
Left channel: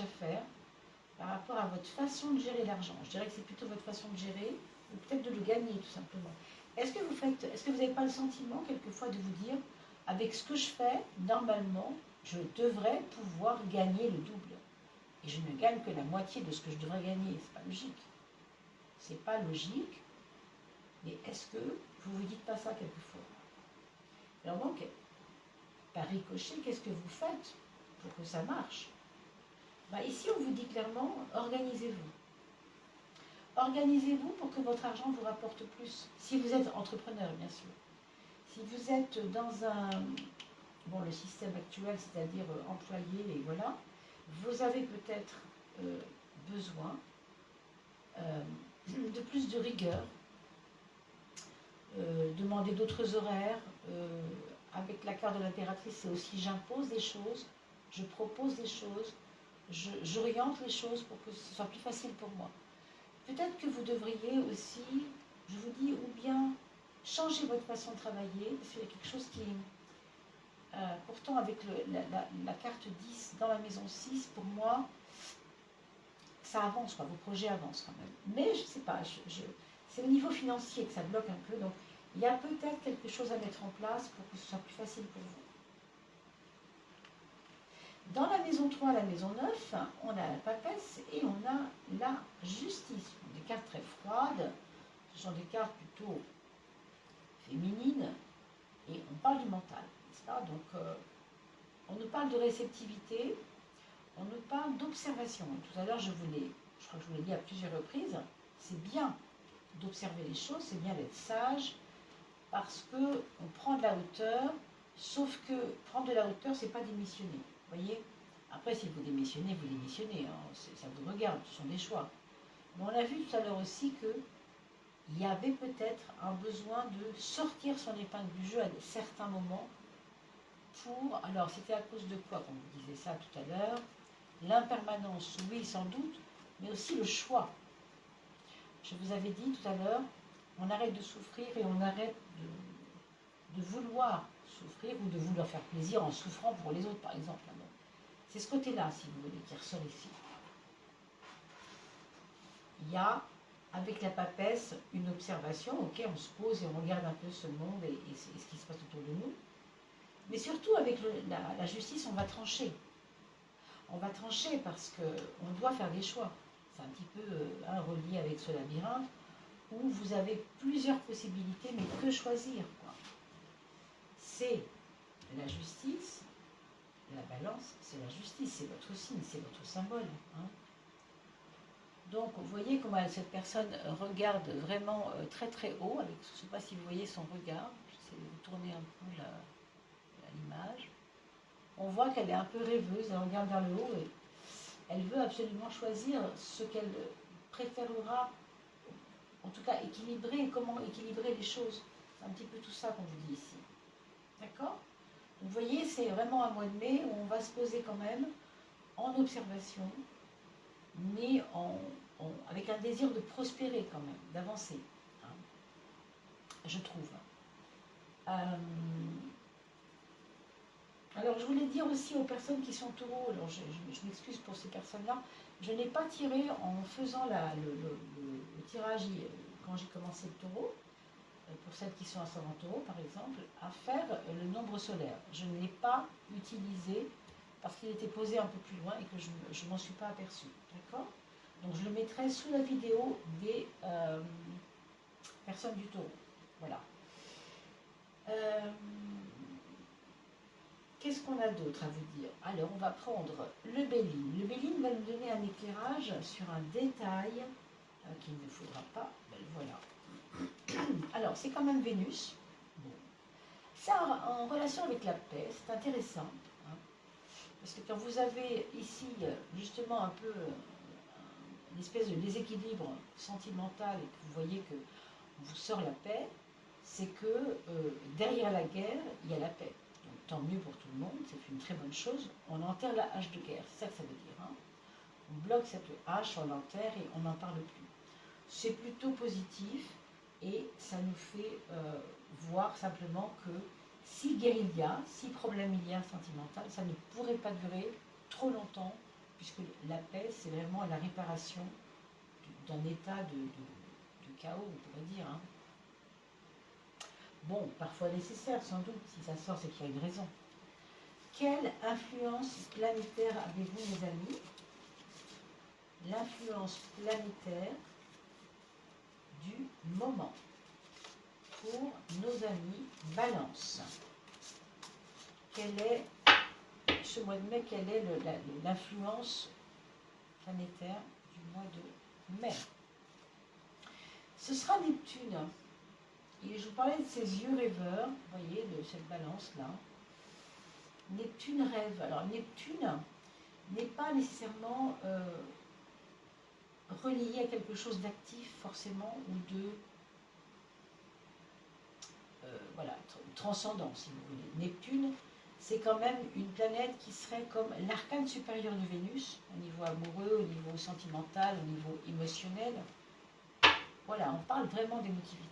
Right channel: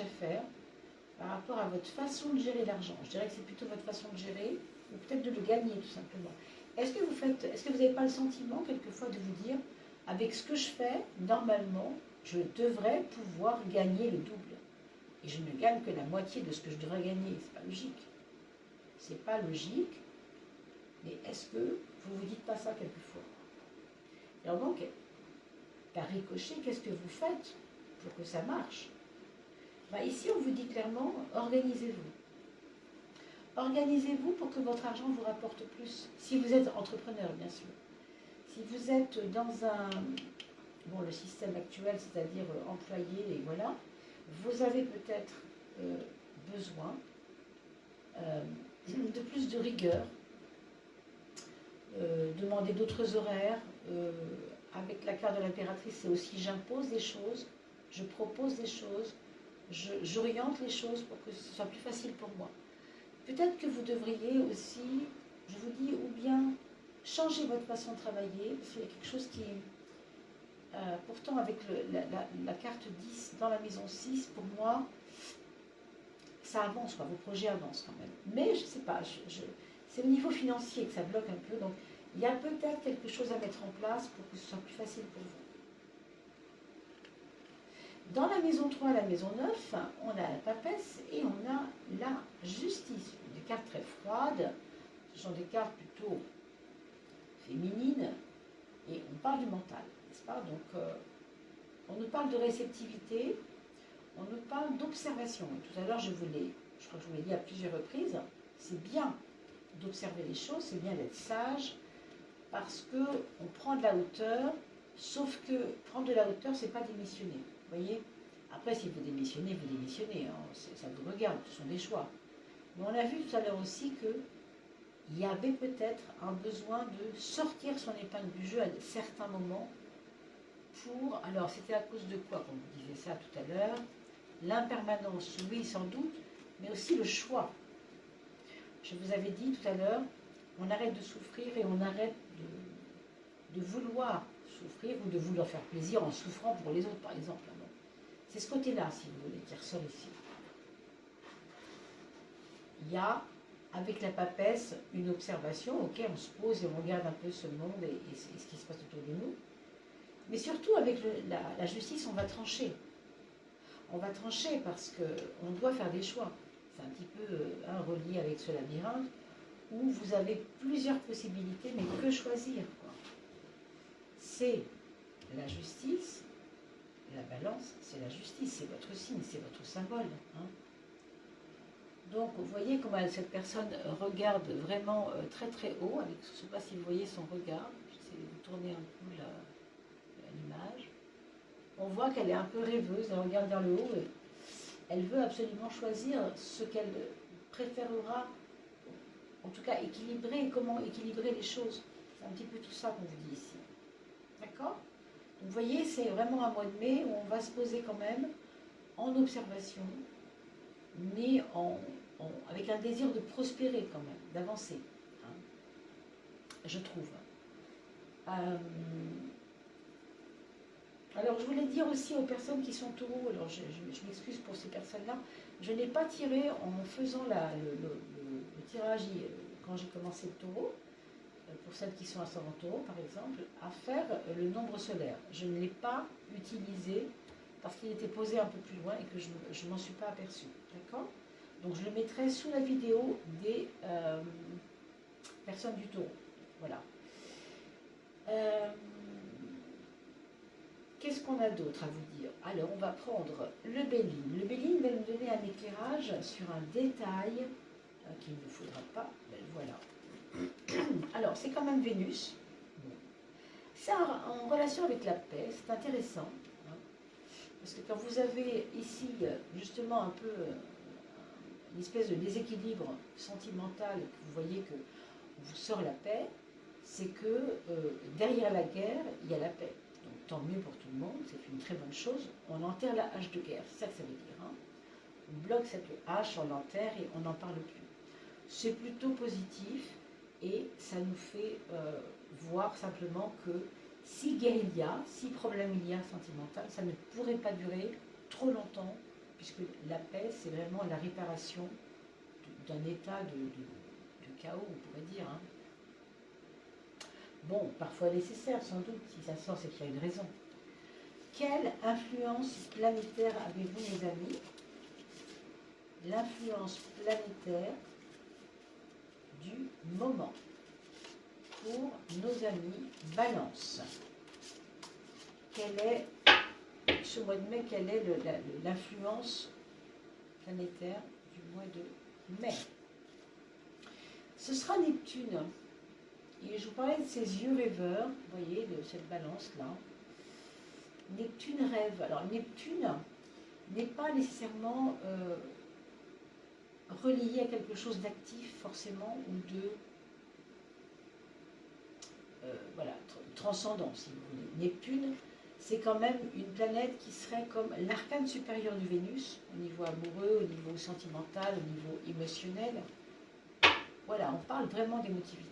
à faire par rapport à votre façon de gérer l'argent. Je dirais que c'est plutôt votre façon de gérer, ou peut-être de le gagner tout simplement. Est-ce que vous n'avez pas le sentiment quelquefois de vous dire, avec ce que je fais, normalement, je devrais pouvoir gagner le double. Et je ne gagne que la moitié de ce que je devrais gagner. C'est pas logique. C'est pas logique. Mais est-ce que vous vous dites pas ça quelquefois? Alors donc, par ricochet, qu'est-ce que vous faites pour que ça marche? Ici, on vous dit clairement, organisez-vous. Organisez-vous pour que votre argent vous rapporte plus. Si vous êtes entrepreneur, bien sûr. Si vous êtes dans le système actuel, c'est-à-dire employé, et voilà, vous avez peut-être besoin de plus de rigueur, demander d'autres horaires. Avec la carte de l'impératrice, c'est aussi j'impose des choses, je propose des choses, j'oriente les choses pour que ce soit plus facile pour moi. Peut-être que vous devriez aussi, je vous dis, ou bien changer votre façon de travailler, parce qu'il y a quelque chose qui est... pourtant, avec la carte 10 dans la maison 6, pour moi, ça avance, quoi, vos projets avancent quand même. Mais je ne sais pas, c'est au niveau financier que ça bloque un peu, donc il y a peut-être quelque chose à mettre en place pour que ce soit plus facile pour vous. Dans la maison 3, la maison 9, on a la papesse et on a la justice. Des cartes très froides, ce sont des cartes plutôt féminines, et on parle du mental, n'est-ce pas? Donc, on nous parle de réceptivité, on nous parle d'observation. Tout à l'heure, je crois que je vous l'ai dit à plusieurs reprises, c'est bien d'observer les choses, c'est bien d'être sage, parce qu'on prend de la hauteur, sauf que prendre de la hauteur, c'est pas démissionner. Vous voyez? Après, si vous démissionnez, vous démissionnez, hein, ça vous regarde, ce sont des choix. Mais on a vu tout à l'heure aussi qu'il y avait peut-être un besoin de sortir son épingle du jeu à certains moments pour... Alors, c'était à cause de quoi, comme vous disiez ça tout à l'heure? L'impermanence, oui, sans doute, mais aussi le choix. Je vous avais dit tout à l'heure, on arrête de souffrir et on arrête de vouloir souffrir ou de vouloir faire plaisir en souffrant pour les autres, par exemple. C'est ce côté-là, si vous voulez, qui ressort ici. Il y a, avec la papesse, une observation, ok, on se pose et on regarde un peu ce monde et ce qui se passe autour de nous. Mais surtout, avec la justice, on va trancher. On va trancher parce qu'on doit faire des choix. C'est un petit peu relié avec ce labyrinthe, où vous avez plusieurs possibilités, mais que choisir, quoi. C'est la justice, la balance, c'est la justice, c'est votre signe, c'est votre symbole. Hein. Donc, vous voyez comment cette personne regarde vraiment très très haut, avec, je ne sais pas si vous voyez son regard, j'essaie de tourner un peu l'image. On voit qu'elle est un peu rêveuse, elle regarde vers le haut et elle veut absolument choisir ce qu'elle préférera, en tout cas équilibrer, comment équilibrer les choses. C'est un petit peu tout ça qu'on vous dit ici. D'accord? Vous voyez, c'est vraiment un mois de mai où on va se poser quand même en observation, mais avec un désir de prospérer quand même, d'avancer, hein, je trouve. Alors, je voulais dire aussi aux personnes qui sont taureaux, alors je m'excuse pour ces personnes-là, je n'ai pas tiré en faisant le tirage quand j'ai commencé le taureau, pour celles qui sont ascendant taureau par exemple, à faire le nombre solaire. Je ne l'ai pas utilisé parce qu'il était posé un peu plus loin et que je ne m'en suis pas aperçue. D'accord? Donc je le mettrai sous la vidéo des personnes du taureau. Voilà. Qu'est-ce qu'on a d'autre à vous dire? Alors, on va prendre le Béline. Le Béline va nous donner un éclairage sur un détail qu'il ne vous faudra pas. Ben, voilà. Alors, c'est quand même Vénus. Bon. C'est en relation avec la paix, c'est intéressant. Hein, parce que quand vous avez ici, justement, un peu une espèce de déséquilibre sentimental, et que vous voyez qu'on vous sort la paix, c'est que derrière la guerre, il y a la paix. Donc tant mieux pour tout le monde, c'est une très bonne chose. On enterre la hache de guerre, c'est ça que ça veut dire. Hein. On bloque cette hache, on l'enterre et on n'en parle plus. C'est plutôt positif et ça nous fait voir simplement que si guerre il y a, si problème il y a sentimental, ça ne pourrait pas durer trop longtemps, puisque la paix, c'est vraiment la réparation d'un état de chaos, on pourrait dire. Hein. Bon, parfois nécessaire, sans doute, si ça sort, c'est qu'il y a une raison. Quelle influence planétaire avez-vous, mes amis? L'influence planétaire du moment pour nos amis Balance. Quelle est, ce mois de mai, quelle est l'influence planétaire du mois de mai? Ce sera Neptune. Et je vous parlais de ces yeux rêveurs, vous voyez, de cette balance-là. Neptune rêve. Alors, Neptune n'est pas nécessairement relié à quelque chose d'actif, forcément, ou de voilà, transcendant, si vous voulez. Neptune, c'est quand même une planète qui serait comme l'arcane supérieur de Vénus, au niveau amoureux, au niveau sentimental, au niveau émotionnel. Voilà, on parle vraiment d'émotivité.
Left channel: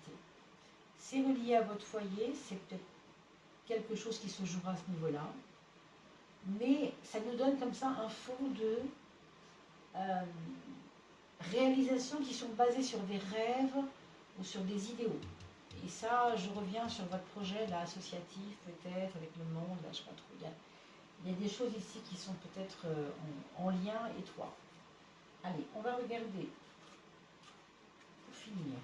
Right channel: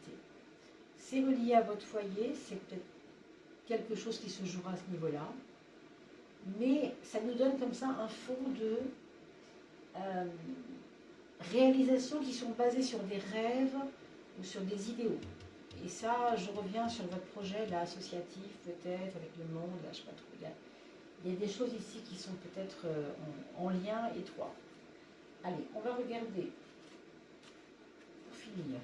C'est relié à votre foyer, c'est peut-être quelque chose qui se jouera à ce niveau-là, mais ça nous donne comme ça un fond de réalisations qui sont basées sur des rêves ou sur des idéaux. Et ça, je reviens sur votre projet là, associatif peut-être, avec le monde, là, je ne sais pas trop. Il y a des choses ici qui sont peut-être en lien étroit. Allez, on va regarder, pour finir,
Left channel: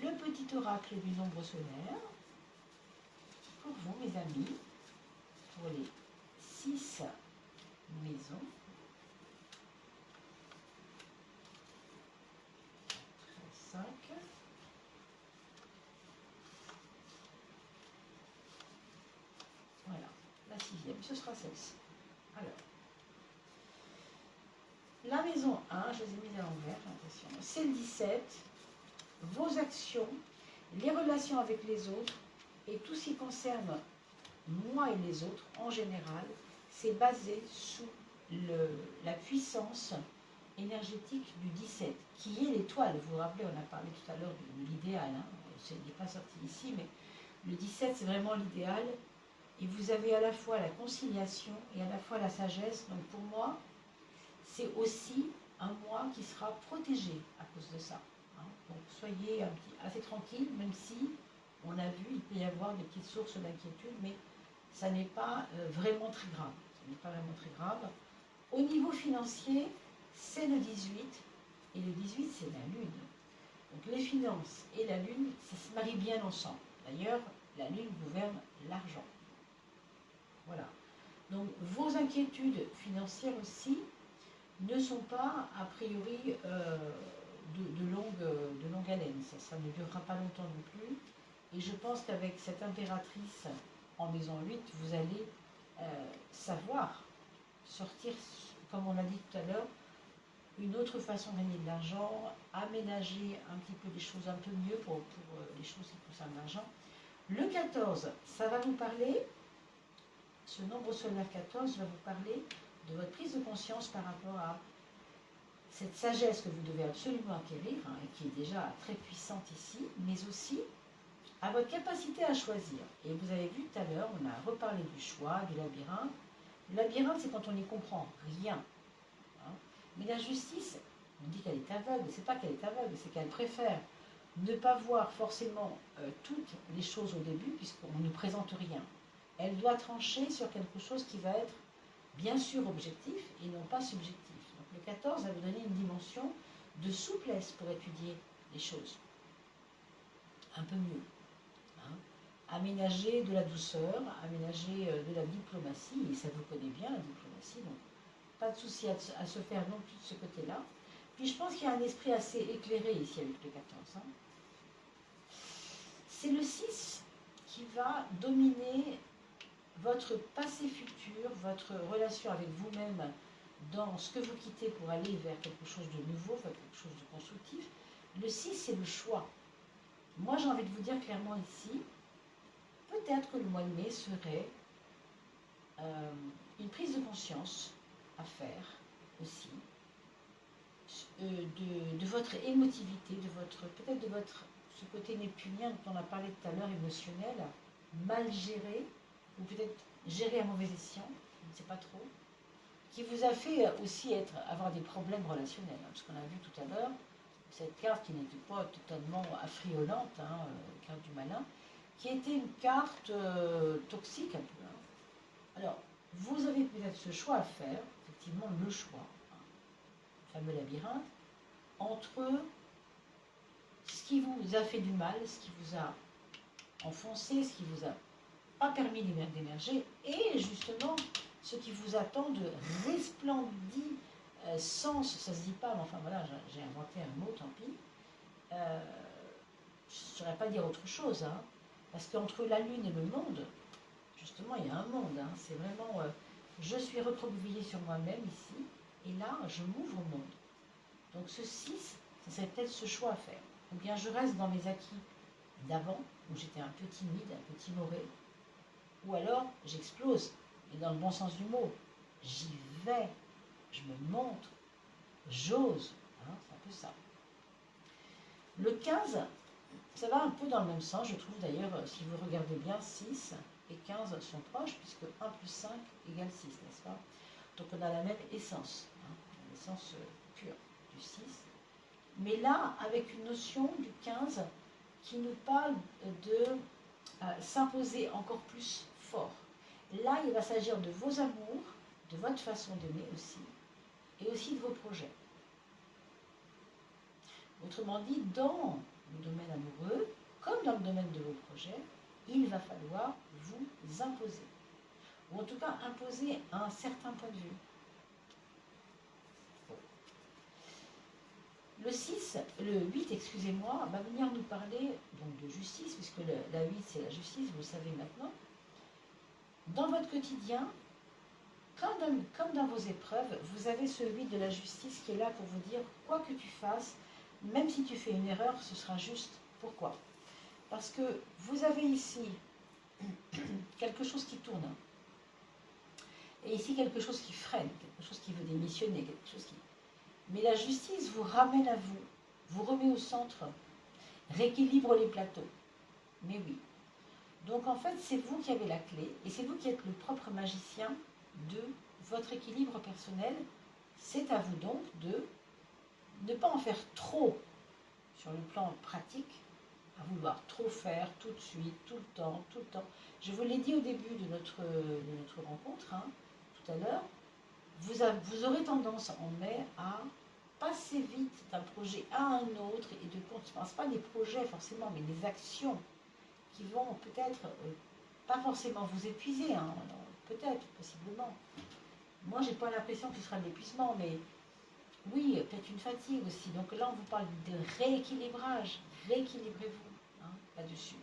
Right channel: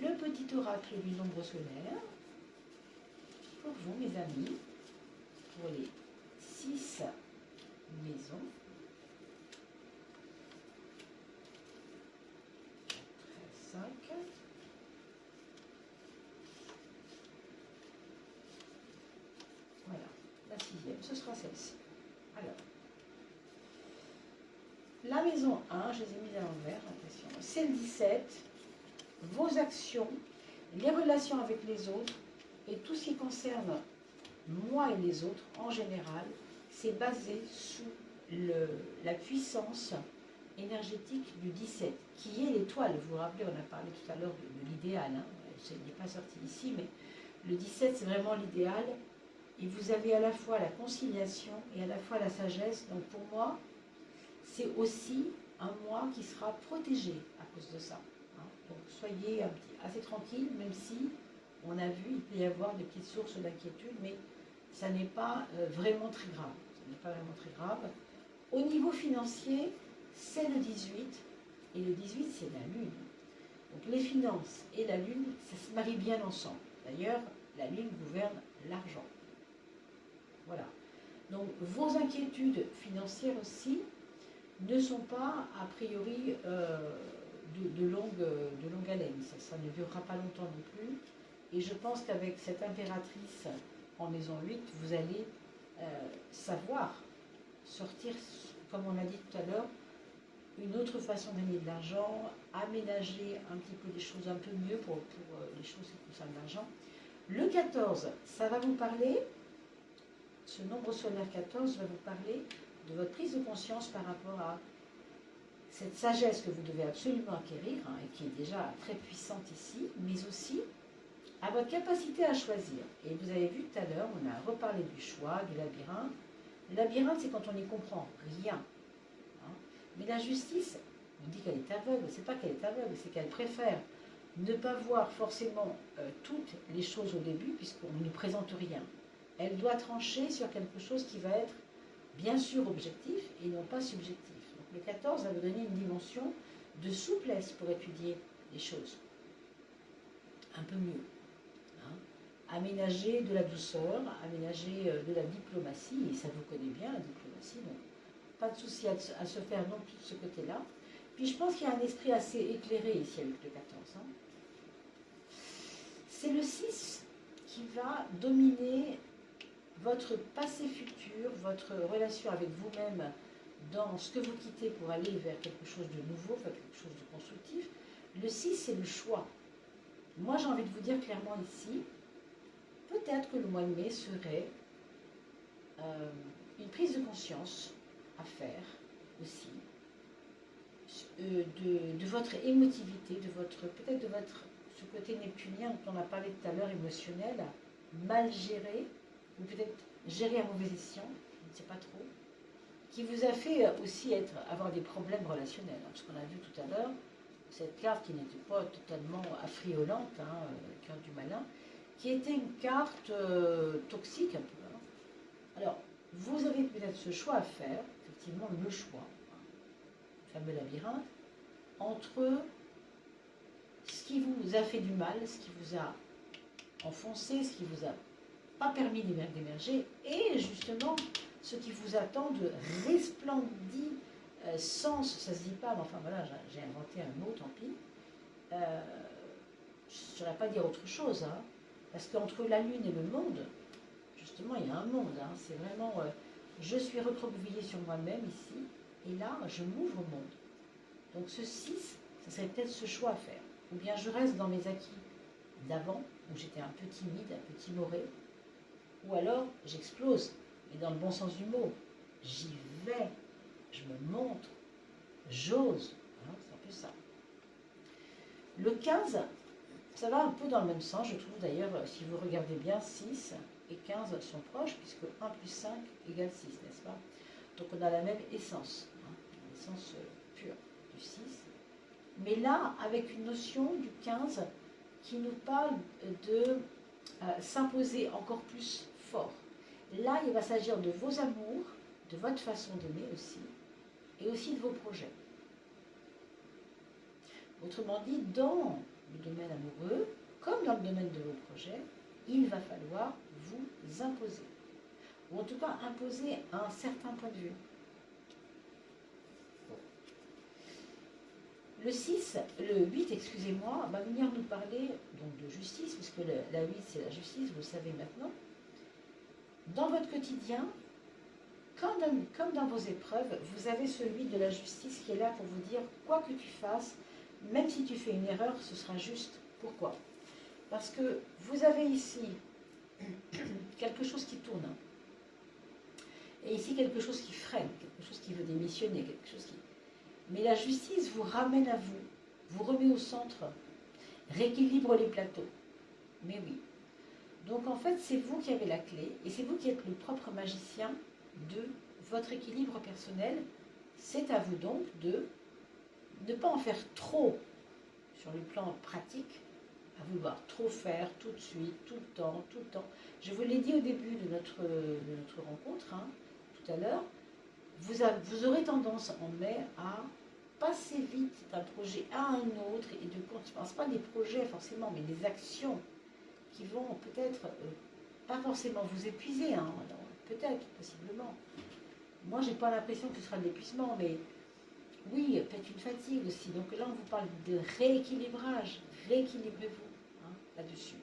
le petit oracle du nombre solaire. Pour vous, mes amis, pour les 6 maisons. 5. Voilà, la 6e, ce sera celle-ci. Alors, la maison 1, je les ai mises à l'envers, attention, c'est le 17, vos actions, les relations avec les autres et tout ce qui concerne moi et les autres en général, c'est basé sous la puissance énergétique du 17, qui est l'étoile. Vous vous rappelez, on a parlé tout à l'heure de l'idéal, hein. Ce n'est pas sorti ici, mais le 17, c'est vraiment l'idéal. Et vous avez à la fois la conciliation et à la fois la sagesse. Donc pour moi, c'est aussi un mois qui sera protégé à cause de ça. Hein. Donc soyez assez tranquille, même si on a vu, il peut y avoir des petites sources d'inquiétude, mais ça n'est pas vraiment très grave. Ça n'est pas vraiment très grave. Au niveau financier, c'est le 18, et le 18, c'est la Lune. Donc les finances et la Lune, ça se marie bien ensemble. D'ailleurs, la Lune gouverne l'argent. Voilà. Donc vos inquiétudes financières aussi ne sont pas a priori de longue haleine. Ça ne durera pas longtemps non plus. Et je pense qu'avec cette impératrice en maison 8, vous allez savoir sortir, comme on a dit tout à l'heure, une autre façon de gagner de l'argent, aménager un petit peu des choses un peu mieux pour les choses qui concernent l'argent. Le 14, ça va vous parler, ce nombre solaire 14 va vous parler de votre prise de conscience par rapport à cette sagesse que vous devez absolument acquérir, hein, et qui est déjà très puissante ici, mais aussi à votre capacité à choisir. Et vous avez vu tout à l'heure, on a reparlé du choix, du labyrinthe. Le labyrinthe, c'est quand on n'y comprend rien. Hein. Mais la justice, on dit qu'elle est aveugle. C'est pas qu'elle est aveugle, c'est qu'elle préfère ne pas voir forcément toutes les choses au début, puisqu'on ne nous présente rien. Elle doit trancher sur quelque chose qui va être bien sûr objectif et non pas subjectif. Donc le 14 va vous donner une dimension de souplesse pour étudier les choses un peu mieux. Hein. Aménager de la douceur, aménager de la diplomatie, et ça vous connaît bien la diplomatie, donc pas de souci à se faire non plus de ce côté-là. Puis je pense qu'il y a un esprit assez éclairé ici avec le 14. Hein. C'est le 6 qui va dominer votre passé futur, votre relation avec vous-même dans ce que vous quittez pour aller vers quelque chose de nouveau, vers quelque chose de constructif. Le 6, c'est le choix. Moi, j'ai envie de vous dire clairement ici, peut-être que le mois de mai serait une prise de conscience à faire aussi, de votre émotivité, peut-être de votre, ce côté neptunien dont on a parlé tout à l'heure, émotionnel, mal géré, ou peut-être géré à mauvais escient, je ne sais pas trop, qui vous a fait aussi avoir des problèmes relationnels. Hein, parce qu'on a vu tout à l'heure, cette carte qui n'était pas totalement affriolante, hein, carte du malin, qui était une carte toxique un peu. Hein. Alors, vous avez peut-être ce choix à faire, effectivement le choix, hein, le fameux labyrinthe, entre ce qui vous a fait du mal, ce qui vous a enfoncé, ce qui vous a pas permis d'émerger, et justement ce qui vous attend de resplendissant sens, ça se dit pas, mais enfin voilà, j'ai inventé un mot, tant pis. Je ne saurais pas dire autre chose, hein, parce qu'entre la Lune et le monde, justement, il y a un monde, hein, c'est vraiment, je suis recroquevillée sur moi-même ici, et là, je m'ouvre au monde. Donc ce 6, ça serait peut-être ce choix à faire. Ou bien je reste dans mes acquis d'avant, où j'étais un peu timide, un peu timorée, ou alors j'explose, et dans le bon sens du mot, j'y vais, je me montre, j'ose, hein, c'est un peu ça. Le 15, ça va un peu dans le même sens, je trouve d'ailleurs, si vous regardez bien, 6 et 15 sont proches, puisque 1 plus 5 égale 6, n'est-ce pas? Donc on a la même essence, hein, l'essence pure du 6. Mais là, avec une notion du 15 qui nous parle de s'imposer encore plus fort. Là, il va s'agir de vos amours, de votre façon d'aimer aussi, et aussi de vos projets. Autrement dit, dans le domaine amoureux, comme dans le domaine de vos projets, il va falloir vous imposer. Ou en tout cas, imposer un certain point de vue. Bon. Le 8, excusez-moi, va venir nous parler donc, de justice, puisque la 8, c'est la justice, vous le savez maintenant. Dans votre quotidien, comme dans vos épreuves, vous avez ce 8 de la justice qui est là pour vous dire, quoi que tu fasses, même si tu fais une erreur, ce sera juste. Pourquoi? Parce que vous avez ici quelque chose qui tourne. Et ici, quelque chose qui freine, quelque chose qui veut démissionner, quelque chose qui... Mais la justice vous ramène à vous, vous remet au centre, rééquilibre les plateaux. Mais oui. Donc en fait, c'est vous qui avez la clé, et c'est vous qui êtes le propre magicien de votre équilibre personnel. C'est à vous donc de ne pas en faire trop sur le plan pratique, à vouloir trop faire tout de suite, tout le temps, tout le temps. Je vous l'ai dit au début de notre rencontre, hein, tout à l'heure, vous aurez tendance en mai à passer vite d'un projet à un autre et de continuer. Ce pas des projets forcément, mais des actions qui vont peut-être, pas forcément vous épuiser, hein, peut-être, possiblement. Moi, j'ai pas l'impression que ce sera de l'épuisement, mais oui, peut-être une fatigue aussi. Donc là, on vous parle de rééquilibrage. Rééquilibrez-vous hein, là-dessus.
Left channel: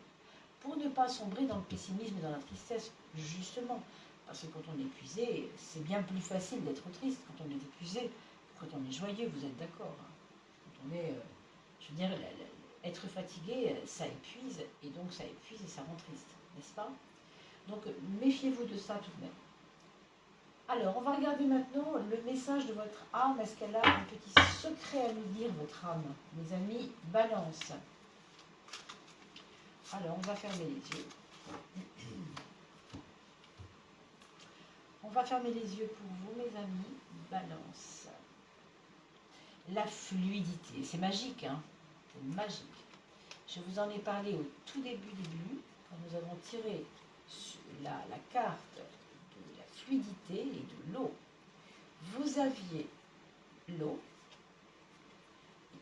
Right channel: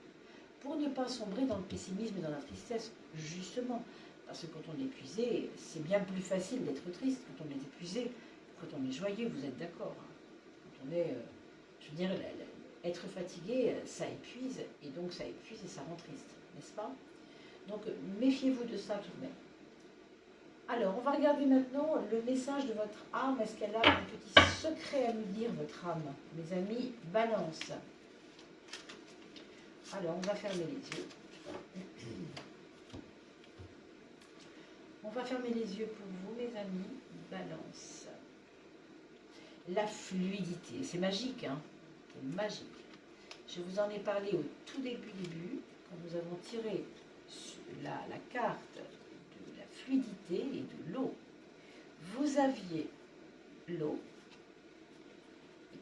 Pour ne pas sombrer dans le pessimisme et dans la tristesse, justement. Parce que quand on est épuisé, c'est bien plus facile d'être triste quand on est épuisé. Quand on est joyeux, vous êtes d'accord. Hein. Quand on est, je veux dire, être fatigué, ça épuise. Et donc ça épuise et ça rend triste, n'est-ce pas? Donc méfiez-vous de ça tout de même. Alors, on va regarder maintenant le message de votre âme. Est-ce qu'elle a un petit secret à nous dire, votre âme? Mes amis, balance. Alors, on va fermer les yeux. On va fermer les yeux pour vous, mes amis. Balance. La fluidité. C'est magique, hein? C'est magique. Je vous en ai parlé au tout début, quand nous avons tiré la carte de la fluidité et de l'eau. Vous aviez l'eau.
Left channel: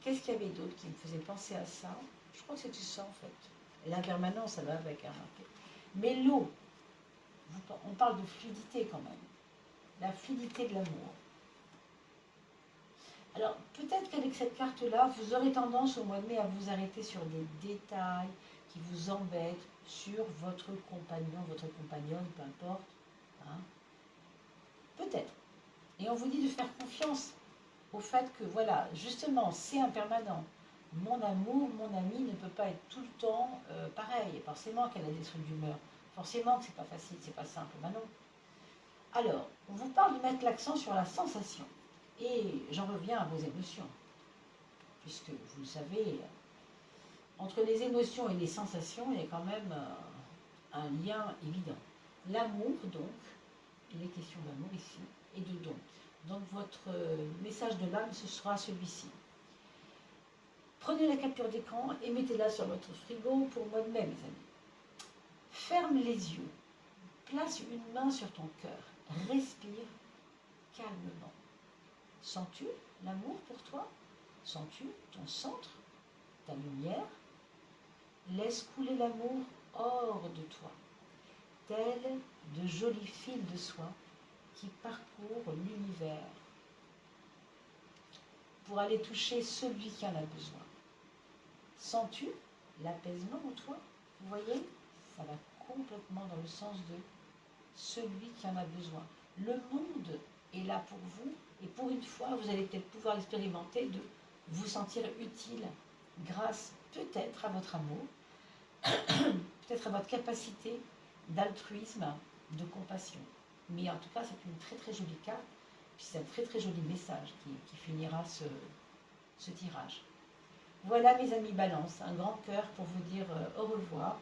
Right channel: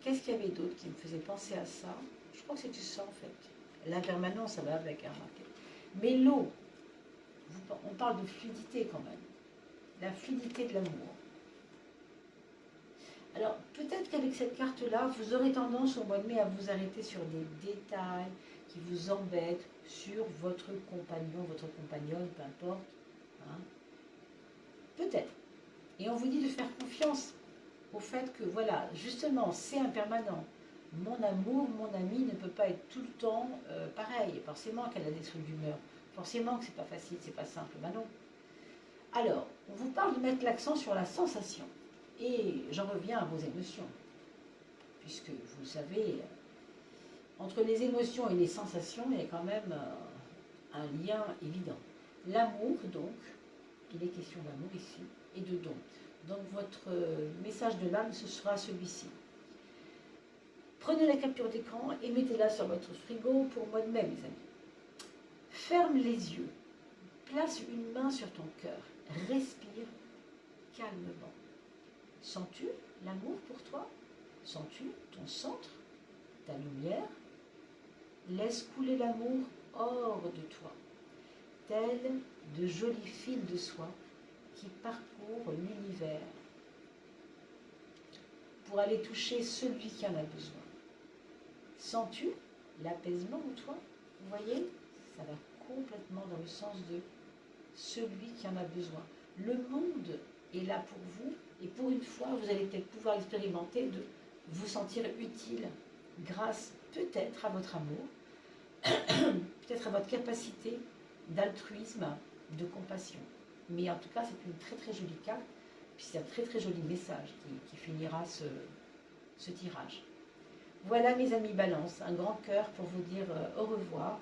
Qu'est-ce qu'il y avait d'autre qui me faisait penser à ça? Je crois que c'est ça en fait. L'impermanence, ça va avec. Hein, mais l'eau, on parle de fluidité quand même. La fluidité de l'amour. Alors, peut-être qu'avec cette carte-là, vous aurez tendance au mois de mai à vous arrêter sur des détails qui vous embêtent sur votre compagnon, votre compagnonne, peu importe. Hein. Peut-être. Et on vous dit de faire confiance au fait que, voilà, justement, c'est impermanent. Mon amour, mon ami ne peut pas être tout le temps pareil. Forcément qu'elle a des sauts d'humeur. Forcément que c'est pas facile, c'est pas simple. Ben non. Alors, on vous parle de mettre l'accent sur la sensation. Et j'en reviens à vos émotions. Puisque, vous le savez, entre les émotions et les sensations, il y a quand même un lien évident. L'amour, donc, il est question d'amour ici, et de don. Donc, votre message de l'âme, ce sera celui-ci. Prenez la capture d'écran et mettez-la sur votre frigo pour le mois de mai, mes amis. Ferme les yeux. Place une main sur ton cœur. Respire calmement. Sens-tu l'amour pour toi? Sens-tu ton centre, ta lumière? Laisse couler l'amour hors de toi, tels de jolis fils de soie qui parcourent l'univers pour aller toucher celui qui en a besoin. Sens-tu l'apaisement en toi? Vous voyez, ça va complètement dans le sens de celui qui en a besoin. Le monde est là pour vous et pour une fois, vous allez peut-être pouvoir expérimenter de vous sentir utile grâce peut-être à votre amour, peut-être à votre capacité d'altruisme, de compassion. Mais en tout cas, c'est une très très jolie carte, puis c'est un très très joli message qui finira ce tirage. Voilà mes amis Balance, un grand cœur pour vous dire au revoir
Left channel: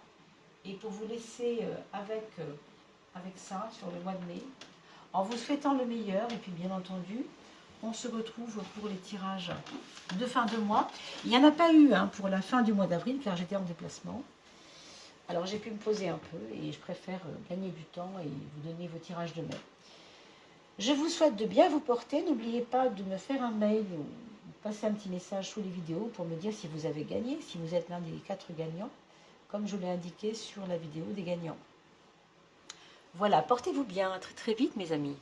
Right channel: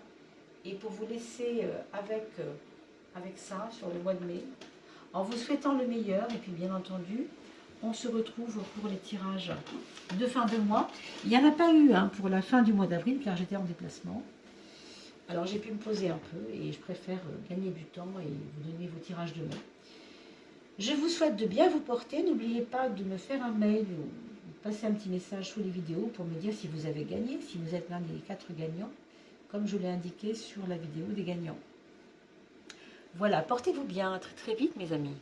et pour vous laisser avec ça sur le mois de mai, en vous souhaitant le meilleur. Et puis bien entendu, on se retrouve pour les tirages de fin de mois. Il n'y en a pas eu pour la fin du mois d'avril car j'étais en déplacement. Alors j'ai pu me poser un peu et je préfère gagner du temps et vous donner vos tirages de main. Je vous souhaite de bien vous porter. N'oubliez pas de me faire un mail ou passer un petit message sous les vidéos pour me dire si vous avez gagné, si vous êtes l'un des 4 gagnants, comme je l'ai indiqué sur la vidéo des gagnants. Voilà, portez-vous bien, à très très vite mes amis.